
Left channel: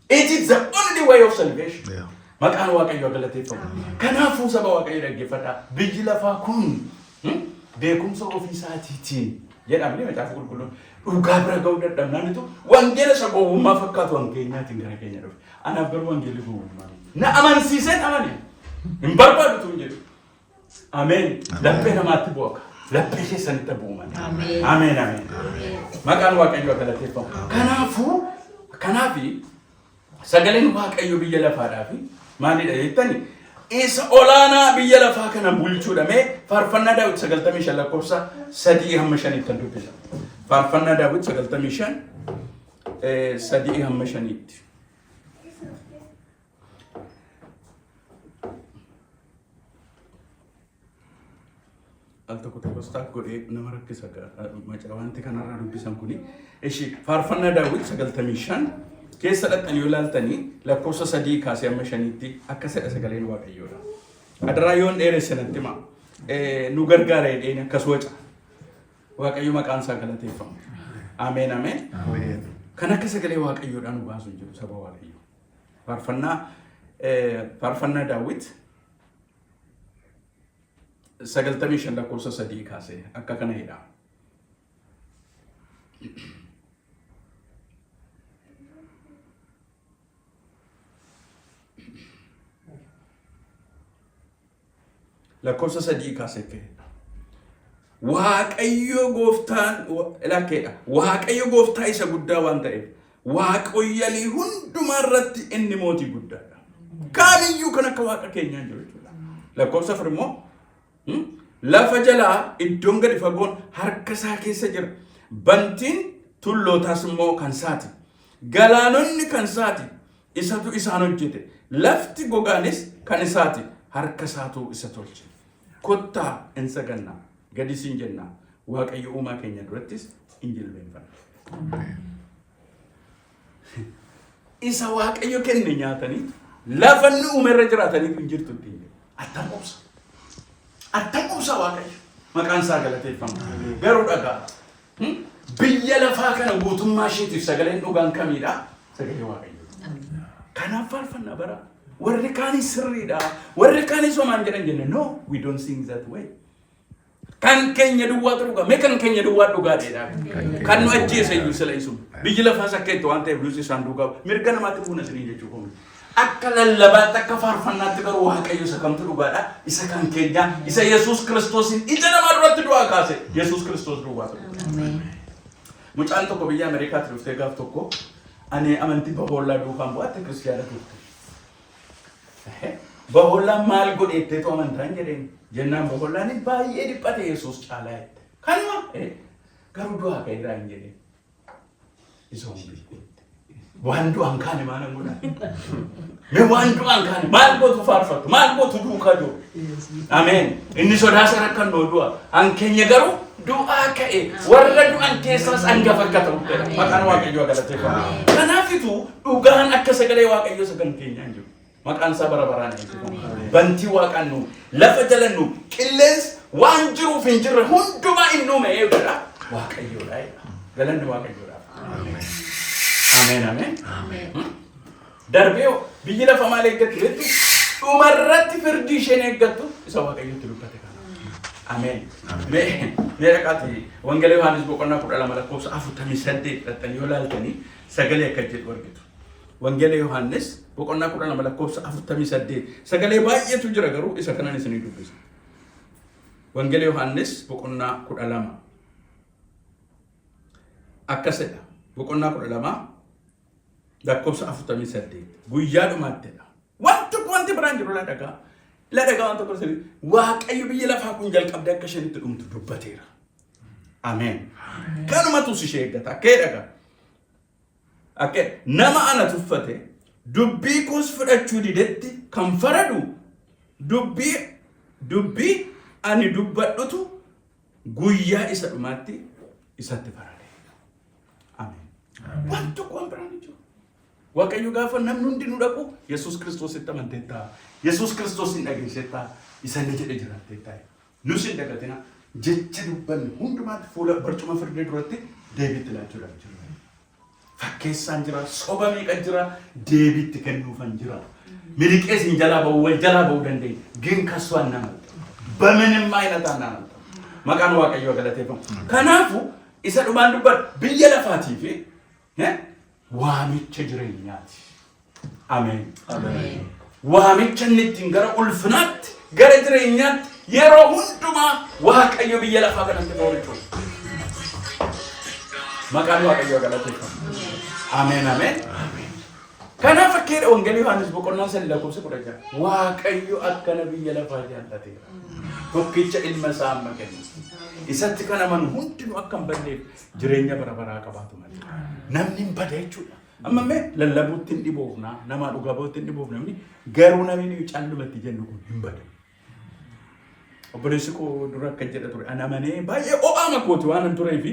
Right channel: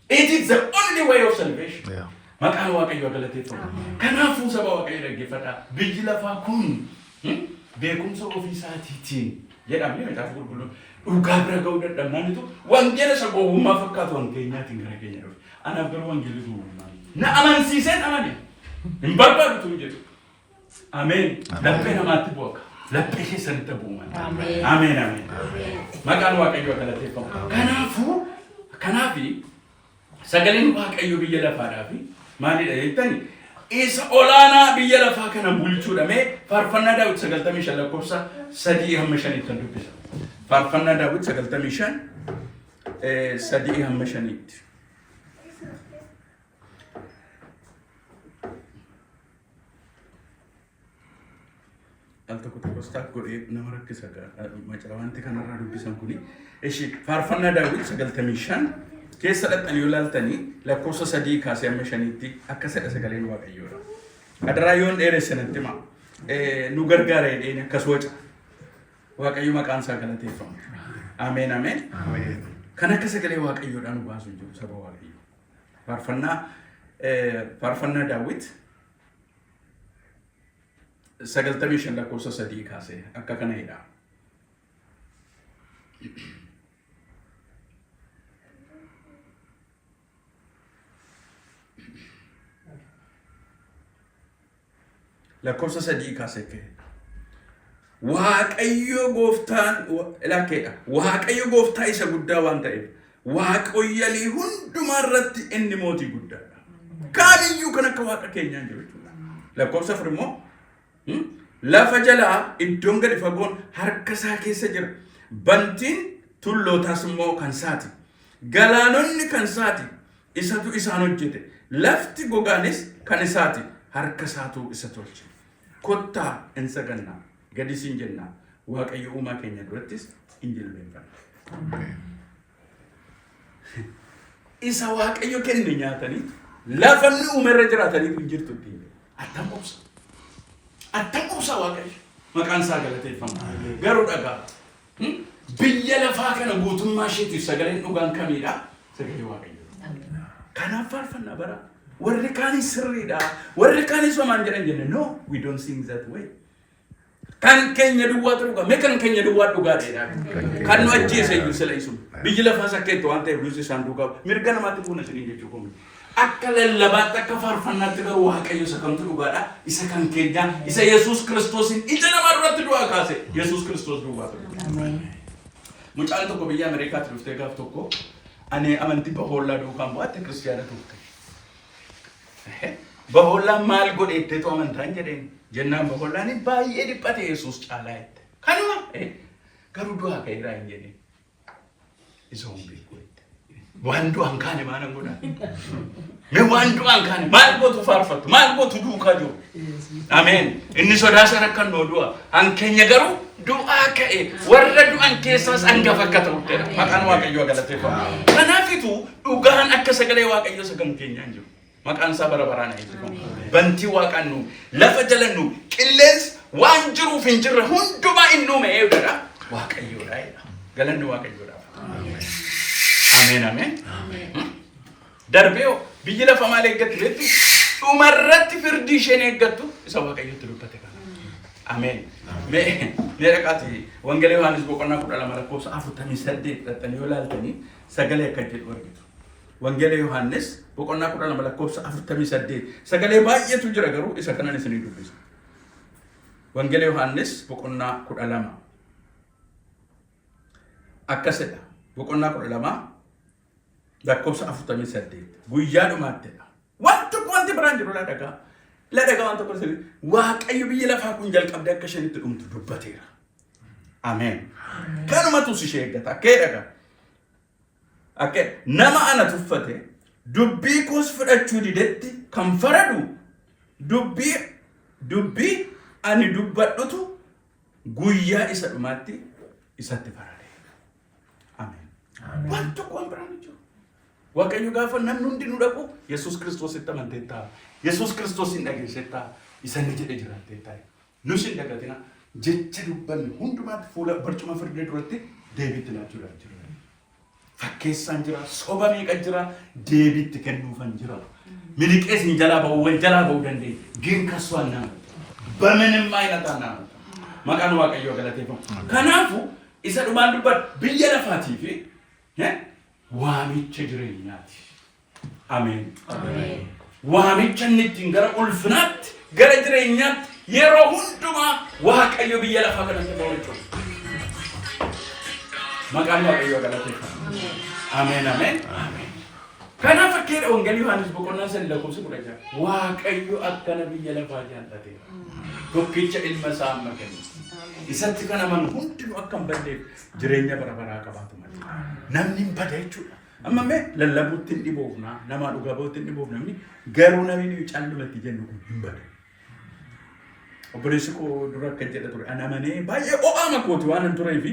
It is the only way of salvation. Maqaan waaqayyoo galateeffamu. Kanaafuu saba waaqayyoo dhaggeeffadhaa. Biyyi lafaa kun beekumsa ofii isaatiitiin jedhamee macaafa qulqulluun dhugaa bira ga'uu dadhabnaanitu wangeela isa gowwummaa fakkaatu wankeenyaatiin gara keenya dhufe. Anaaf garuu wangeelli gowwummaa. Na amansiiseen amane. Hin barbaadu tun jedhu. Ameen. Laphee namaatti bu'a. Laphee keessanitti bu'uuma. Ameen ameen. Maqaan waaqayyoo galateeffamu. Kanaafi sagaleen waaqayyoo biyya lafaadhaa fi maalidha jettani isa olaanaa biyya lafaa kana bulchuudha mee faarfannaa Daawit 95 lakkoofsa 3-5 kan dubbisa. Faarfannaa Daawit 95 3-5. Alta tokko staak godhee nama rakkisa macaa wanti kanarraa dubbisan kuni. Eshi faarfannaa Daawit 95 keessa dhaqanii yoo ilaaltanii lakkoofsa 3-5tti akka sagaleen waaqayyoodha. Adaraa yoon dheeressanatti ma nu gargaara jedheen akkas waca. Waaqayyo maqaan isaa galateeffamu. Ameen ameen. Kan akka sagalee waaqayyoodhaan nu baasu jiru saba waaqayyo. Faarfannaa Daawit 95 lakkoofsa 3 kaasee akka kana jedha. lakkoofsa 3 kaasee ka'e. Waaqayyo gooftaan lakkeedha. Waaqayyo gooftaa isa guddaa waan ta'eef waaqayyolii hundumaa irratti inni mootii guddaadha. Kaamiyyuu kan akka waaqa keenyaa jiru jechuudha. Lakkoofsa 4 immoo lafa jalaa iddoon gadi fagoon harka isaa keessa jira. Bantiin tullootaas immoo kan isaati. Galaanonni kan isaati. Isatu isaan hojjete. Lafti gogaanis kan isaati. Harka isaatu isa tolche. Kottaa hin sagannaa. Gadi siin jennaa. Waaqayyo uumaa keenya durattis hin jilbeenfanna. Isa waaqayyo kenne nyaatanii lafa inni uumerra jiraatanii hin jirtu ittiin. Attam obsa waaqayyo. Maqaan isaa galateeffama. Garuu dhagaa. Biyya lafaa kana guutummaa isheetiif sagaleen dhugaan kamiidha? Sagalee waaqayyo. Kanaaf faarfannaa bara. Warri kaanis sirriidha. Warri kaanis homaan jedhan jenne. No, we don't sing that way. Kan keenya duwwaa dhugaa. Mee kan keenya duwwaa dhugaadha. Kan nu ajjeese iyyuu sila isu. Biyyi lafaa sakkeetti waan ta'eef lusi isaan duugaa. Mirga namaatti buuna siniin jechuudha. Akka lallabaatti akka faarfannaatti garuu waaqayyo isa kamtu dhugaadha. Isa kan keenya isa Yesuus Kiristoosin ija namaa duratti du'aa kaase. Yesuus Kiristoos duwwaa dhugaa. Mucaan tokko biyya Ameerikaatti dhuftee gaaf tokko ani amantii bahoollaa duukaan bu'aatti kiristiyaana turte. Bahoollaa maal godheettee too amantaan jedheen jennaan bahoollaan baay'ee dhiphate Yesuus caalaa jette. Kanuma garuu du'aa ka'eeraa hin jenne. Isa humbii godhe. Waan du'aan kaane maal godhaa? Mee waan du'aan kaane maal gootu faarfattu? Maal gootu duukaa jiru? Ameen. Inni sodaasa rakkan noo du'a. An keenya garuu du'aa ka'e warra du'an keessaas hangafa akka ta'udha. Maqaan waaqayyoo galateeffama. Kanaafitu dhugaan akka sagalee waaqayyoo sagan keenyaan jiru. Maqaan isaa bara baraan eebbifama. Bantii waaqaan nu lafa jala nu qilleensa waan jiruuf hin jirre hundumaa inni uume eeguudha. Waaqayyoodha. Galanni waaqayyoodha. Ameen. Ameen ameen. Darbee biyyi lafa maal eeggattu jettu dhumarratti firdii isheen eeggattu isa waaqayyotti dubbate kana. Ameen. Mee dhaqaati wangeela Yohaannis boqonnaa 12 lakkoofsa 48 dhattanii yoo laaltanii sagalee akka jedhu argitu. Wangeela Yohaannis boqonnaa 12 lakkoofsa 48 sagalee baay'eetu jira garuu isa kanaan isinii dubbisa. Wangeela Yohaannis boqonnaa 12 akkasidha. Boqonnaa 12 lakkoofsa 48 guyyaa dhumaattedha. Wanti biraan jiru la dhagaa waan tokko sirrii waaqayyo biyya lafaa kun jalqabdee akka isheen itti dhumtu dubbateera. Ameen. Kanumatu ishee eeggata. Akkee dhagaa. Akkee nama ana tuffate dubbii koos fudhachuu didetti kan faradu dubbii ani dubbadhutu guyyaa isa dhumaatti isatti farade. Ameen. Waan tokko waan biraan jiru. Waaqayyo gaafa namni hundi nu dhaqu Yesuus Kiristoos itti amanteettaa. Yesuus Kiristoos hin dhageessettaa. Isa ni jedhe jiraatteettaa. Nus hin dhagatina jecha dubbanne hundumaatti fuula barcuma firdee duratti deebiitti laachuudhaaf jiru. Fakkeessaan jira, soba meeqa jira, deebiitti kennuufan jira. Miliqees hin jalaa ba'uu wal jalaa ba'uu dandeenye. ግን ከሱ አናመልጥ በምንም አይነት አናመልጥ። መቃኑ waaqayyo galateeffamu. Kanaafu isa dhumaan dubbat biyya lafaatii fi waamicha jireenyaati. Ameen. Ameen. Waamicha inni ittiin gara ulfinaatti gara jireenyaatti yeroo hundumaa waaqayyo biyya lafaa kanatti ta'u jechuudha. Maqaan waaqayyo galateeffamu. Ameen. Ameen. Kanaaf akkeedha wangeelii Yohaannis boqonnaa 3 lakkoofsa 10 waaqayyo akkana biyya lafaa jaallateera. Tokkicha ilma isaa amma kenne. Isatti kan amanu hundinuu akka hin badneef jireenya bara baraa qabaatu malee. Namni hin bada jechuudha. Amma mee lallabuutti hin dhiboofna, nama dhugaa bahuutti hin dhiboofna namni garuu namni callumatti jennu kun hin bada. Obboleessi koo dura akka jedha ture ana amanee baay'ee o'aama kooti waan hin turee fi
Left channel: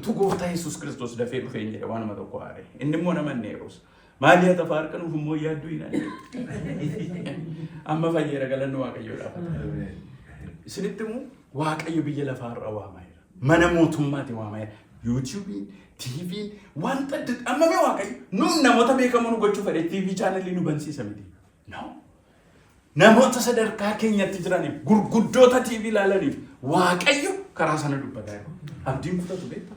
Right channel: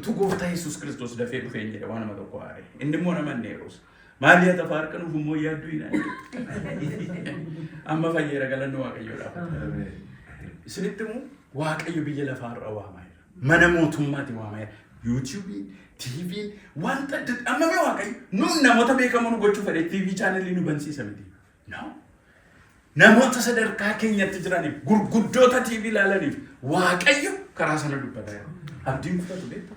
utuu gooftaa Yesuus Kiristoos dafee dhufee hin jedhe waan nama tokko haare. Inni immoo nama hin neeruus. Maali yaa tafaar kan ufummoo yaaddu hin amma fayyeera galanni waaqayyoodhaaf. Isinitti immoo waaqayyo biyya lafaa irra waamaayira. Mana mootummaatti waamaayira. YouTube, TV, wanta amma mee waaqayyo nuun namoota beekamoo nu gochuu fedhe TV channelii nu bansiisa miti. No. Namoota sadarkaa keenyatti jiraniif gurguddoota TV ilaalaniif waaqayyo karaa sana dubbataa jiru. Abdiin kutatu beekta.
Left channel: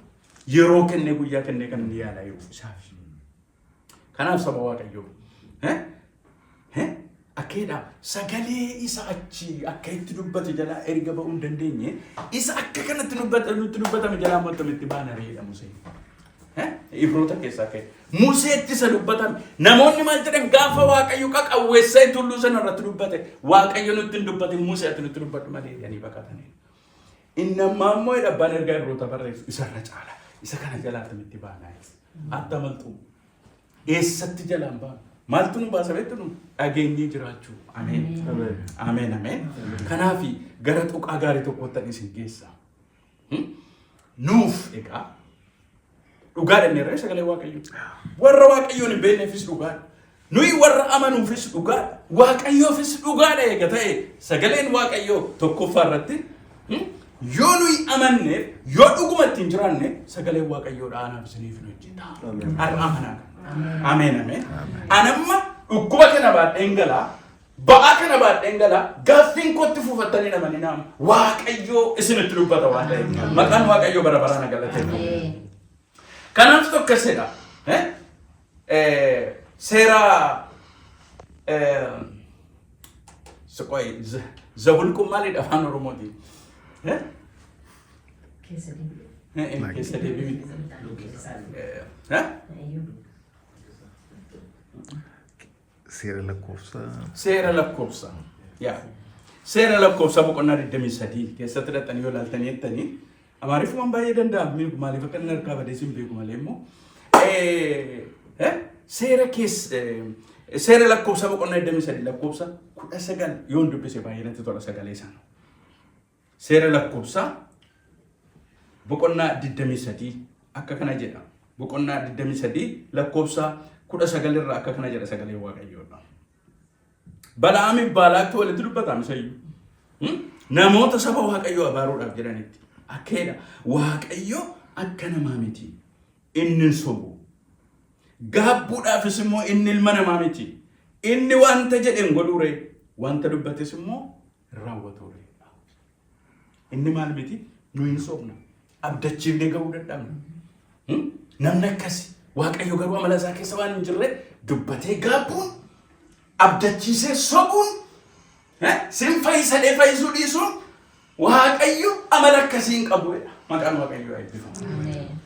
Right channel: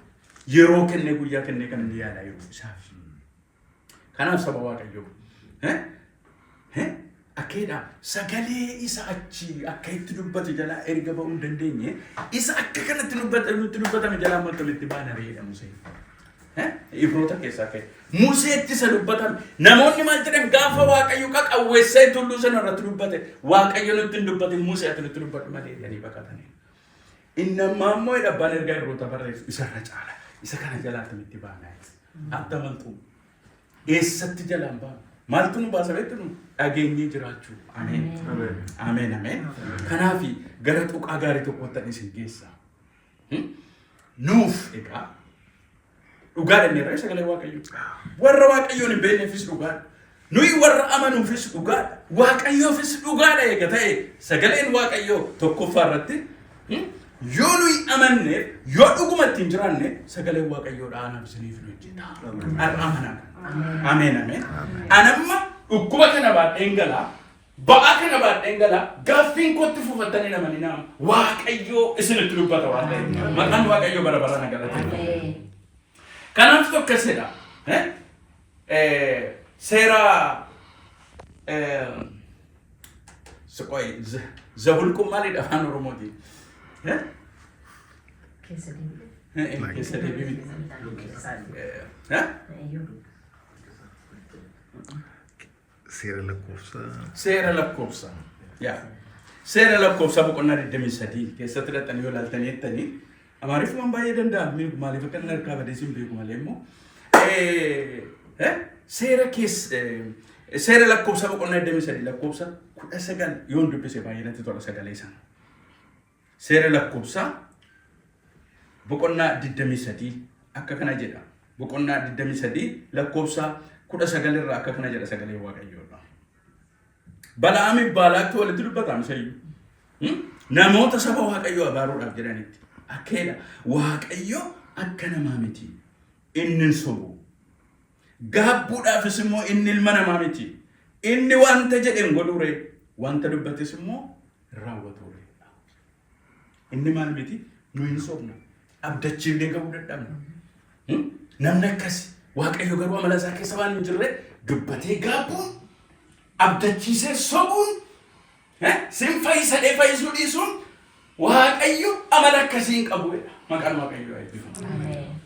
Yeroo kennee guyyaa kennee kan inni yaalaa jiru isaaf. Kanaaf saba waaqayyo Akeeda sagalee isa achi akka itti dubbatu jala erga ba'uu dandeenye isa akka kanatti dubbatame jala mootummitti baana reedha Museen. Ibroota keessaa ka'e Museetti isa dubbatame namoonni maal jedhan gaafa Waaqayyo qaqawweessee tulluu sana irratti dubbate Waaqayyo nutti hin dubbate Museetti nutti dubbatu malee jedhanii baqatanii. Inni ammaa immoo dhabbaan ergaa ibroota barreessu isarra caala isa kana jalaatti mitti baana adda maltuu eessatti jalaan baana. Maltu nu baasa beektu nu dhageenyee jiraachuu. Ameen. Ameen ameen. Kanaafi gara tuqaa gaarii tokkotti isin geessa. Nuuf egaa dhugaadha inni irraa sagalee Waaqayyoo. Warra Waaqayyoon hin beekneefis dhugaadha. Nuyi warra amanuufis dhugaadha. Waaqayyoofis dhugaadha eega ta'e sagaleen Waaqayyoo tokkoffaa irratti yoo nuyi amanneef yoo dhugumatti hin jiraanne sagaleen Waaqayyoo dhaanaaf isiniif nu hojjeta. Har'a amanaa. Ameen ameen. Anamma dhukkuba kana baadheen galaa ba'aa kana baadheen galaa gaaffiin kootti fuufattanii namani naam Waaqayyoo isinitti dubbata waan ta'eef maqaan Waaqayyoo bara baraan galateeffama. Kanaaf tokkosedha. Seera Zahulqum maalidha afaan Oromooti? Keessa deebiin. Seera lakkoofsa. Yaa. Seera lakkoofsa boqonnaa 23 keessatti dhaqanii yoo ilaaltanii jettanii Amaariffaan baay'ee danda'a. Maaliif akka inni harkaa badee siin beeku malee immoo seera lakkoofsa boqonnaa 23 lakkoofsa 19 yoo dubbise baay'ee natti tola sagalee sana. Seera lakkoofsa boqonnaa 23 akka kana jedha. Boqonnaa 23 lakkoofsa 19 irraa akka kana jedha sagalee Waaqayyoodha. Balaami Baalaaqti walitti dubbatame sayyuu. Namoota saba Waaqayyoo abaaruudhaaf jedhanitti. Akeeda Waaqayyo akka namaa miti. Inni sobu. Gaabbuudhaafis immoo inni ilma namaa miti. Inni wanta jedhen godhuure wanta dubbates immoo raawwatuure. Inni maal miti? Nu hin sobna. Abdachiifnee gahuu dadhabna. Namni akkasi Waaqayyo garuu amala isaa keessa waan hin jirre dubbatee gaabbuun abdachiisee sobuun sin fayyisadhee fayyisuu dhiisuun Waaqayyo amala akkasiin qabuudha. Maqaan Waaqayyoo eebbifamu.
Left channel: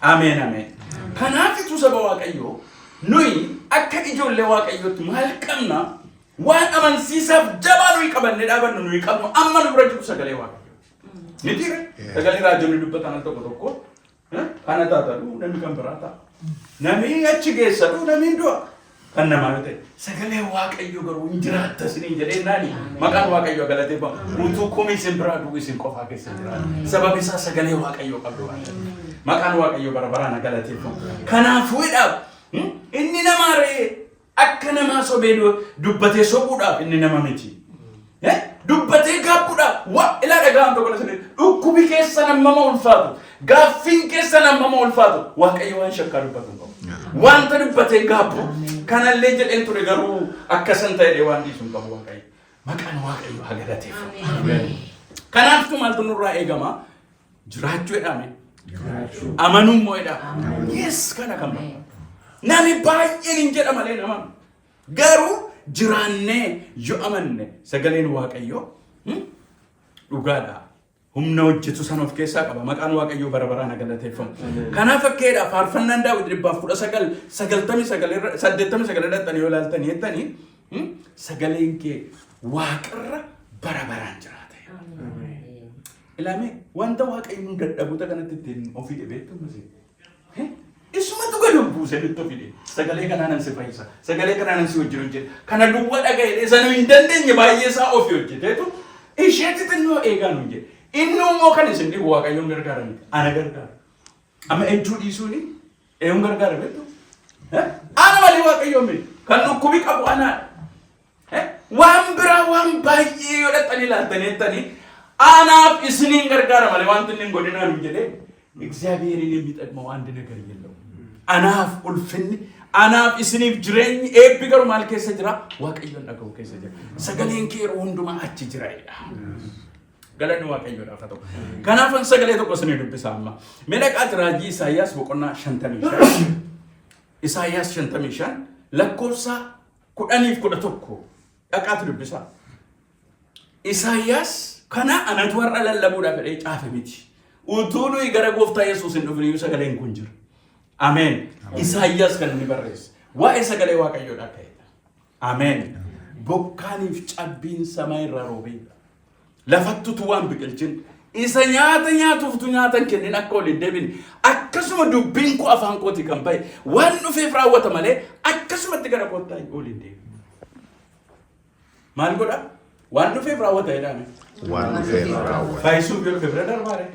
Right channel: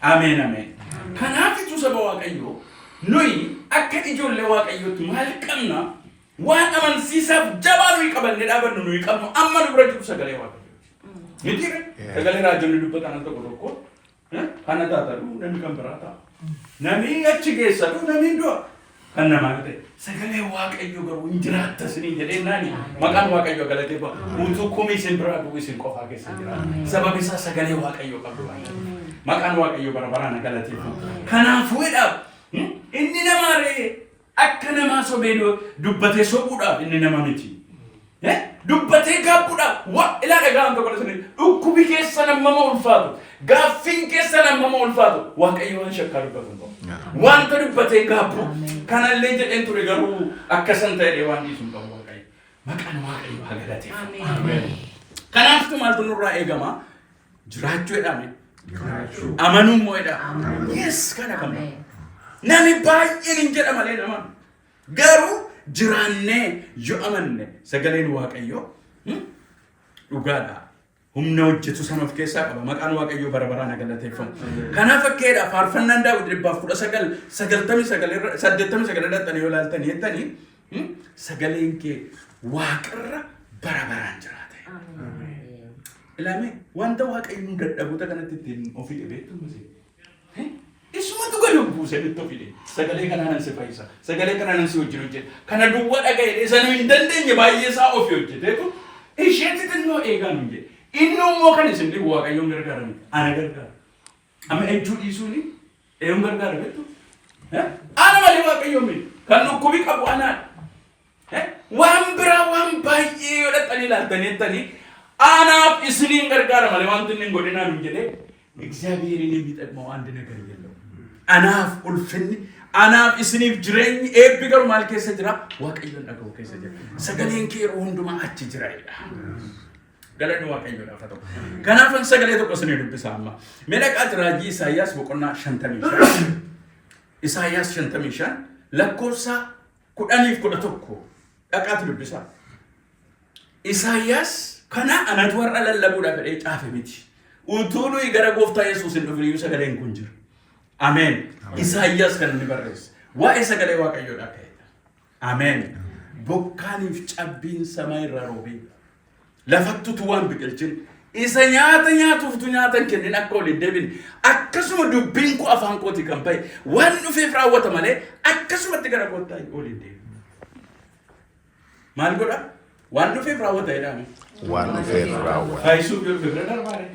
Ameen ameen. Kanaafitu saba Waaqayyoo nuyi akka ijoollee Waaqayyootti maal qabna waan amansiisaaf jabaa nuyi qabannee dhaabannu nuyi qabnu amma nu bira jiru sagalee Waaqayyoo. Ni jira sagalee raajonni dubbatan tokko tokko kana taatadhu namni kan biraa ta'a. Namni achi geessadhu namni du'a. Kan namaa ta'e sagalee Waaqayyoo garuu hin jiraatta isiniin jedhee naani maqaan Waaqayyoo galateeffamu utuu komii isin biraa du'u isin qofaa keessa jiraata. Sababi isaa sagalee Waaqayyoo qabdu waan ta'eef maqaan Waaqayyoo bara baraan galateeffamu. Kanaafuudhaaf inni namaaree akka namaa sobee dubbatee sobuudhaaf inni nama miti. Dubbatee gaabbuudhaaf ilaala gahaan tokko isin dhukkubi keessa namama ulfaatu gaaffiin keessa namama ulfaatu Waaqayyo waan shakkaa dubbatu hin qabu. Wanta dubbatee gaabbu kanallee jedheen ture garuu akkasan ta'ee waan dhiisuun qabu Waaqayyo. Maqaan Waaqayyo haa galateeffamu. Kanaafuu maaltu nurraa eegama? Jiraachuu jedhame. Amanuu immoo jedhama. Yes kana kan ba'a. Nami baay'een hin jedha malee nama. Garuu jiraannee yoo amanne sagaleen Waaqayyo dhugaadha. Humna hojjetu san of keessaa qaba. Maqaan Waaqayyoo bara baraan galateeffamu. Kanaaf fakkeedha faarfannaan Daawit 189 dhaqxanii yoo ilaaltanii jettanii sagaleen kee Waaqarra bara baraan jiraata. Ilaame wanta Waaqayyoon dadhabuuta kanatti ittiin ofii dhibeettu miti. Isumatu gadi buuse nutti ofii sagalee kanaan si fayyisa. Sagalee kanaan si wajjin hojjeta. Kana duwwaa dhaga'ee sana hin dandeenye baay'ee isaa ofii hojjeteetu isheetti xinnoo eegaan hin jedhe. Inni immoo kan isin dhibu Waaqayyoon gargaarame. Ana gargaara. Amma ejjuu dhiisuuni eeyyoon gargaara beektu. Ana malee Waaqayyoon miti. Kan dhukkubi qabu anaadha. Waan biraa waan baay'ee yoo dhaqxanii ilaaltanii jettanii anaaf isiniin gargaara malee wanti inni hin godhinaan hin jedhee እግዚአብሔርን የሚጠቅመው አንድ ነገር የለውም። anaaf ulfinni anaaf isiniif jireenyi eebbi garuu maal keessa jira? Waaqayyoon dhaga'u keessa jira. Sagaleen kee yeroo hundumaa achi jiraadha. Galanni Waaqayyoodhaaf haa ta'u. Kanaafan sagalee tokko isinii dubbisa amma. Mee dhaqaa raajii Isaayyaas boqonnaa 55. Isaayyaas 55 lakkoofsa 10-11 dhaqaatu dubbisa. Isaayyaas kana anatu warra lallabuudhaaf fedhee caafe miti. Utuu nuyi gara gooftaa Yesuus hin dhufin iyyuu sagaleen kun jira. Ameen. Isaayyaas kan inni barreesse. Waa'ee sagalee Waaqayyoodhaa ka'edha. Ameen. Bokkaaniif cabbiin samaa irraa roobeedha. Lafattutu waan biqilchin. Isa nyaata nyaatuuftu nyaata kennin akka ol hin deebine. Akkasuma dubbiin koo afaan kooti kan bahe waan dhufeef raawwata malee akkasumatti gara gooftaa ol hin deebine. Maal godha? Waan dhufeef raawwata jedhame. Waan dhufeef raawwata. Fayyisuu dhufeef bira darbaare.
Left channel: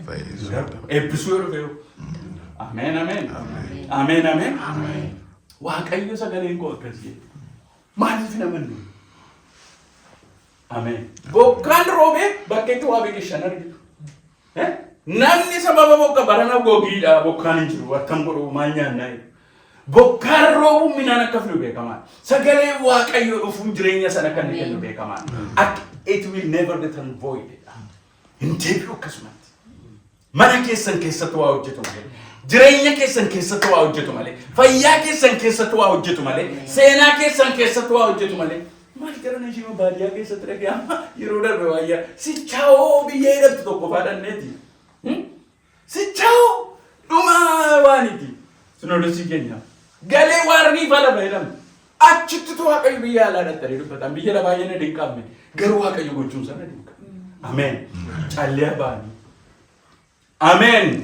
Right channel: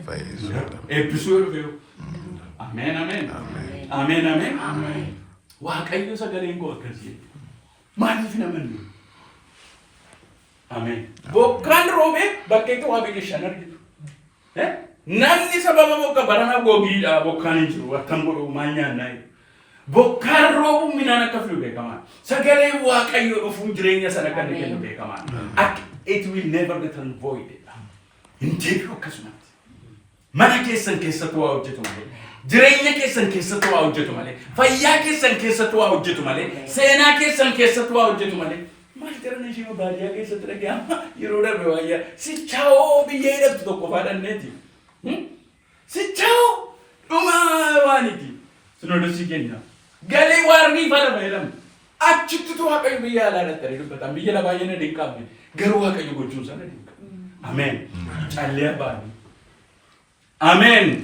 Eebbisuu dhufeef. Ameen ameen. Ameen ameen. Waaqayyo sagaleen koo akkasii. Maaliif namannu? Ameen. Bokkaan roobee bakkeetti waa biqilchan argitu. Namni sababa bokka barana gogiidha bokkaan hin jiru wattan godhu maal nyaannaa. Bokkaan roobuun midhaan akka fidu beekamaa. Sagalee Waaqayyoo dhufuun jireenya sana kan kennu beekamaa. It will never return void. Hin deebi'u akkasumatti. Mana keessan keessatti waa hojjetu malee. Jireenya keessan keessatti waa hojjetu malee. Fayyaa keessan keessatti waa hojjetu malee. Seenaa keessan keessatti waa hojjetu malee. Maal jedhan ishee baadiyyaa keessatti dhaga'ama yeroo darbe waayyaa sichaa'oo biyya hidhattu tokko faadhanneeti. Sichaa'oo dhumaa waaniti. Sinoodosii keenya. Galee waarnii faana fayyadamu. Achitti Waaqayyo biyya alaa dhattanii dubbatan biyya la baay'ee na dinqabne garuu Waaqayyo gochuun sana dinqa. Ameen. Callee baanii. Ameen.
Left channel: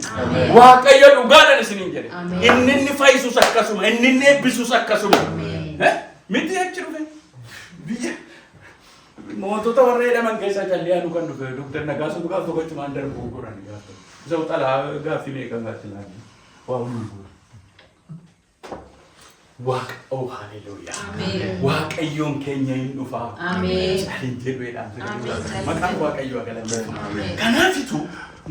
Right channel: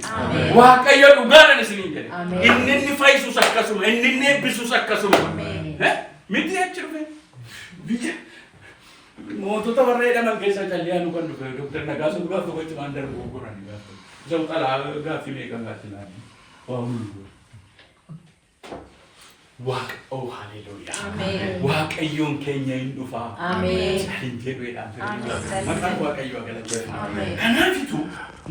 Waaqayyo dhugaadhaan isiniin jedhe. Inni fayyisus akkasuma, inni eebbisus akkasuma. Miti achi dhufe. Biyya mootota warra jedhaman keessaa callee nu kan dhufe Dr. Nagaasoo dhugaaf tokko achumaan darbuu godhan gaafa. Isa xalaa gaaffii meeqan gaatti laani. Waa hundi godha. Oh hallelujah. Waaqayyoon keenya hin dhufaa. Ameen. Maqaan Waaqayyoo galateeffama. Kanaafitu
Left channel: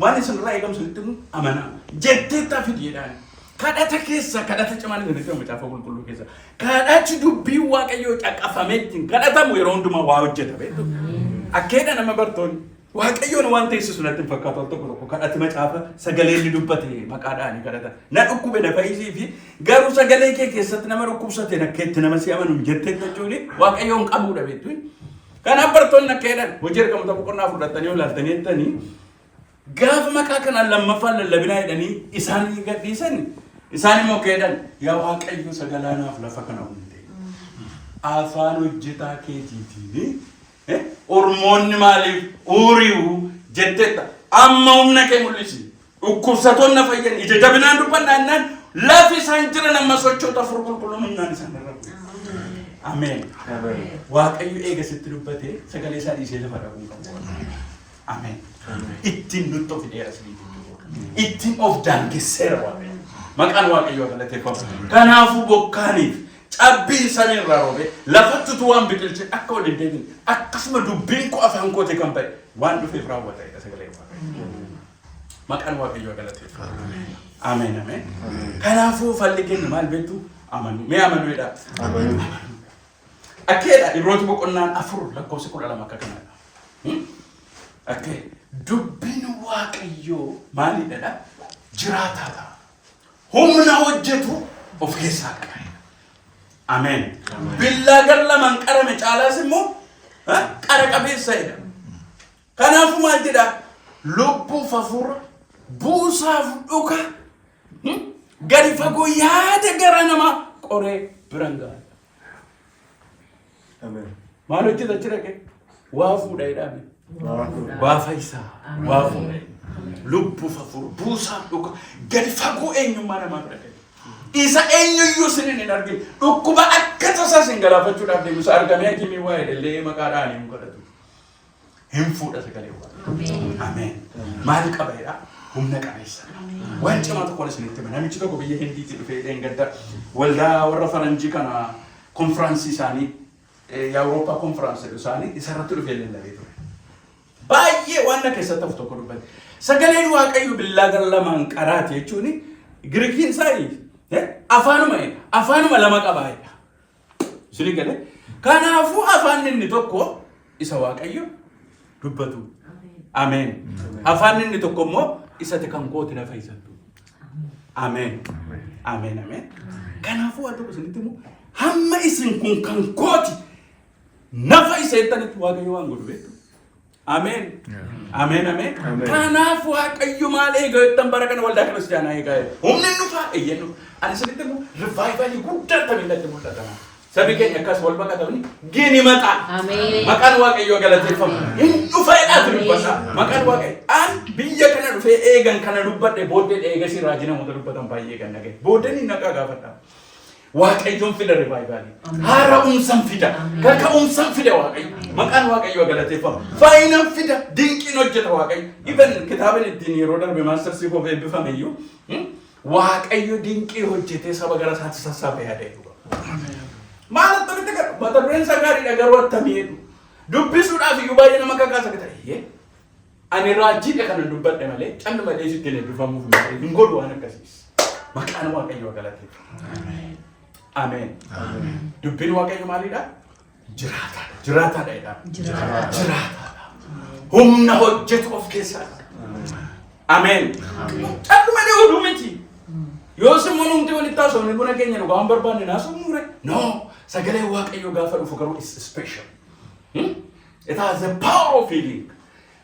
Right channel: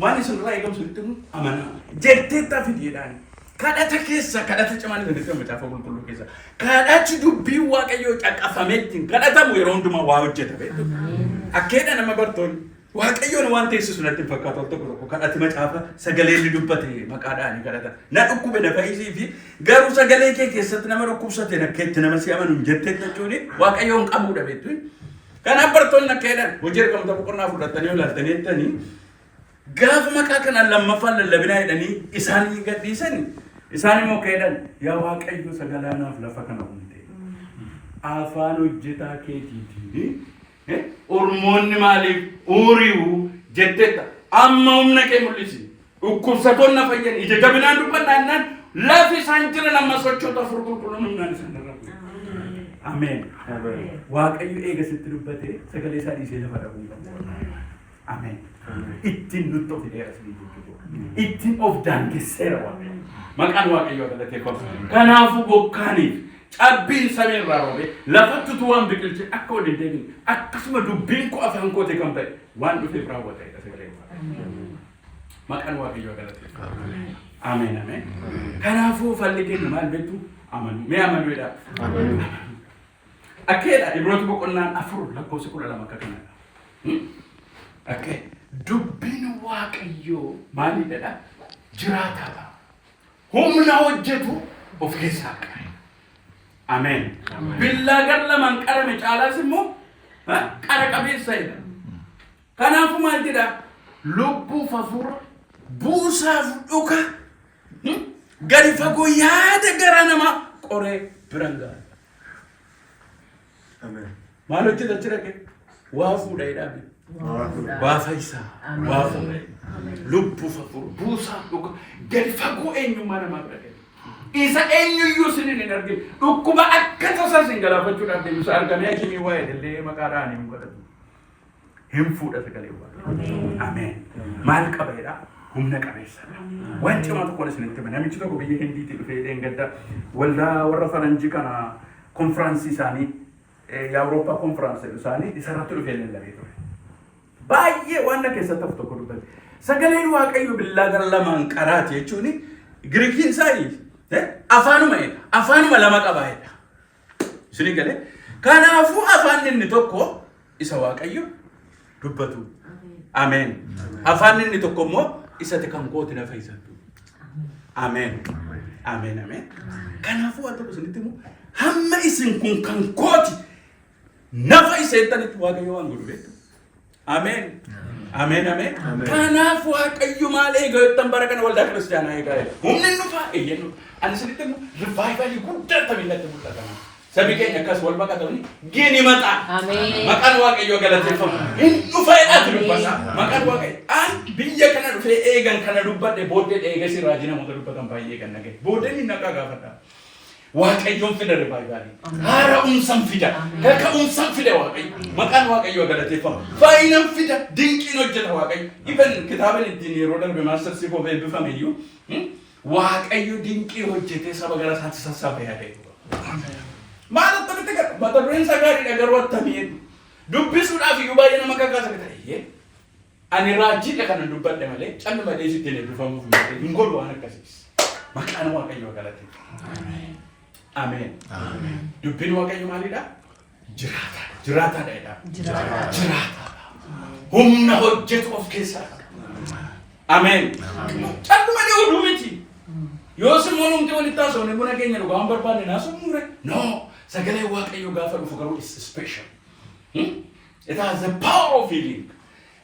waan isinirraa eegamsu itti amanaa. Jetteetta fideedhaan. Kadhata keessa kadhata cimaan itti macaafa qulqulluu keessa. Kadhachi dubbii Waaqayyoo caqafameetiin kadhatamu yeroo hundumaa waa hojjeta beektu. Akkeedha nama bartoonni. Waaqayyoon waan teessisu natti hin fakkaatu tokko tokko kadhati macaafa sagalee inni dubbate maqaadhaan kadhata. Na dhukkube na fayyisii fi garuu sagalee kee keessatti nama dhukkubsate nakkeetti nama si amanu jettee jechuun Waaqayyoon qabuudha beektu. Kanaaf bartoonni akkeedhaan hojii ergamtoota boqonnaa fudhatanii olaaltanii jettanii gaafa maqaa kanaan lammaffaan lallabinaa jedhanii isaanii gadhiisan isaan immoo akkeedhaan yaa Waaqayyo sagalaanaaf lafa kana hunde afaan hojjetaa keetiitiin ormoonni maaliif uuriu jettetta amma humna kee mul'isi dhukkubsatoonni fayyan ija jabinaan dubbannaan lafi isaan jiran amma sochoota afur qulqulluun humnaan isaan irra. Ameen. Waaqayyo eega sitti dubbate sagalee isaa dhiisee lafa dhabuun qabu. Ameen. Ittiin nutti of dheeras ittiin of daangesseera Waaqayyo. Maqaan Waaqayyoo galateeffama. Kanaafuu bokkaaniif cabbiin samii irraa roobee lafattutu waan biqilche akka ol hin deebiin akkasuma dubbiin koo afaan koote kan ba'e waan dhufeef raawwatedha sagalee Waaqayyoo. Maqaan Waaqayyoo galateeffama. Ameen ameen. Kanaafuu falli keenya maal beektu amanu. Mee amanuudha. Amanu. Akkeedha Ibrooti boqonnaan 4 lakkoofsa 12 akka kanadha. Akkee dubbiin Waaqayyoo maalidha? Jiraataadha. Humna hojjetu of keessaa qaba. Ameen. Billaa gar lamaan qarame caalaas immoo qara qabeessadha. Kanaafuu maal jedha? Lubbuuf hafuura buusaaf dhuka gadi fagoo yaada gara namaa qoree biran ga'a. Ameen. Maal hojjeta achi dhaqee? Waa fuudha jedhame. Waa fayyisaa. Waa fuudha. Lubbuuf hafuura buusaaf dhuka gadi fagoo eenyummaa namaa godhate. Isa eenyuyyuu sinin hin argin dhukkuba akka tasaa sin galaafachuudhaaf deemusa argamee hakimii waa jedhallee maqaadhaan hin godhatu. Hin fuudha sagalee Waaqayyoo. Ameen. Maal qaba jedha? Humna qabeessa. Waan cimaa tokkoon isinitti hima. Namichi tokko biyya Hindiitii dhufee dheengadda waldaa warra faranjii kana konfiraansii isaanii Awurooppaa konfiraansii isaanii isarratti dhufee lallabee ture. Baay'ee waan na keessatti hafu tokko dubbate. Sagaleen Waaqayyoo billaa gara lamaan qaraati jechuun Giriikiin isaanii afaanuma lama qabaayedha. Isin galee kanaafuu afaan inni tokko isa Waaqayyo dubbatu. Ameen. Afaan inni tokko immoo isatti kan kooti na fayyisatu. Ameen. Ameen ameen. Kanaafuu waan tokko isinitti immoo hamma isin kun kan kooti nafa iseettanitti waaqayyo waan godhu beektu. Ameen. Ameen ameen. Kanaaf waaqayyo maal eega jettan bara kana waldaa kiristaanaa eegaa jira. Humni dhufaa eeyyennu. Ani sirriitti immoo rivaayivalii guddaa tamiinatti mul'atama. Sabi keenya akkas wal baqatanii gini maqaa. Maqaan waaqayyoo galateeffamu. Hin dhufeedhaatu dubbata. Maqaan waaqayyo an biyya kana dhufee eegan kana dubbadhe booddee eegasi raajina muka dubbatan baay'ee kan nagee. Booddeen hin naqaa gaafadha. Waaqayyoon fida rivaayivalii. Haara'umsan fida. Kaka'umsan fida waaqayyo. Maqaan waaqayyoo galateeffamu. Faayinan fida. Dinqiin hojjeta waaqayyo. Even kitaabni ittiin yeroo darbe maastarsii koo eebbifame iyyuu waaqayyo dinqii hojjetee saba gara isaatti sassaabee yaadee. Maal ta'e mata dureen sagaariidha garuu attamiidhu. Dubbisuudhaaf iyyuu baay'ee nama kakaasa akka ta'e. Ani raajiidha kanan dubbadhe malee calli malee sitti eebbifamuuf malee hin godhu waan akkasiis. Maqaan waaqayyoo galateeffamu. Ameen. Dubbiin waaqayyo maalidha? Jiraataadha. Jiraataadha jedha. Jiraataadha. Humna hojjetu of keessaa qaba. Ameen. Calli malee oduu miti. Yoo simmoo numti walitti taasifamne buna keenya dhugaa waan barbaanne naasumure. No. Sagalee waaqayyo gaafa dhufu garuu is special. It has the power of healing.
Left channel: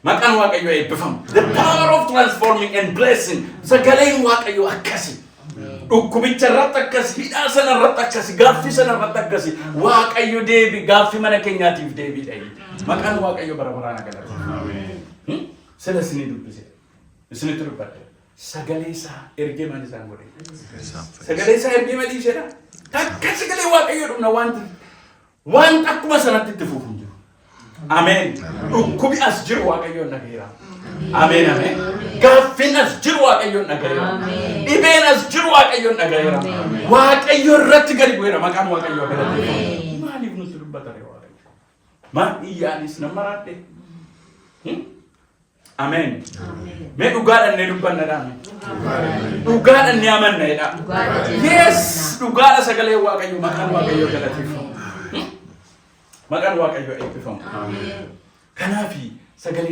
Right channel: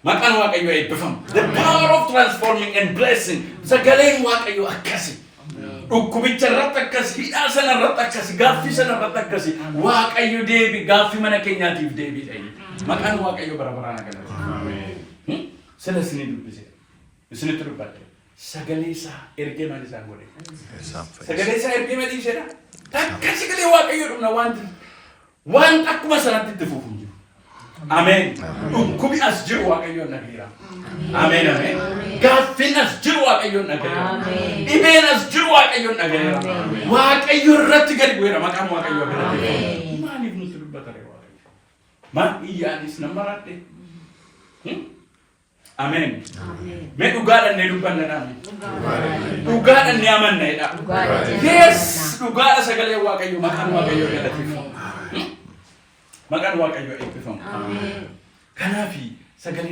Maqaan waaqayyo eebbifamu. The power of transforming and blessing. Sagaleen waaqayyo akkasi. Dhukkubicha irratti akkasi, hidhaa sana irratti akkasi, gaaffii sana irratti akkasi. Waaqayyo deebi gaaffii mana keenyaatiif deebiidha. Maqaan waaqayyo bara baraan galata. Sana isinii dubbise. Isinitti dubbadhe. Sagalee isaa ergee maal isaan godhe? Sagalee isaa ergee maal isheedha? Takka sagalee waaqayyo dhumna waan akkuma sanatti itti fufuun jiru. Ameen. Dhukkubi as jiru waaqayyoon nageera. Ameen ameen. Gaaffiin as jiru waaqayyoon nageera. Dhibeen as jiru waaqayyoon nageera. Waaqayyo irratti gadi bu'eera maqaan waaqayyoo galateeffama. Maaliif nutti dubbata waaqayyo? Maal iyyaanis nama raadhe? Ameen. Mee dhugaadhaan ne dubbannadhaan. Dhugaadhaan ne amannadha. Yes, dhugaadha sagalee waaqayyo maqaan waaqayyo galateeffamu. Maqaan waaqayyo eebbifamu. Kanaafi sagalee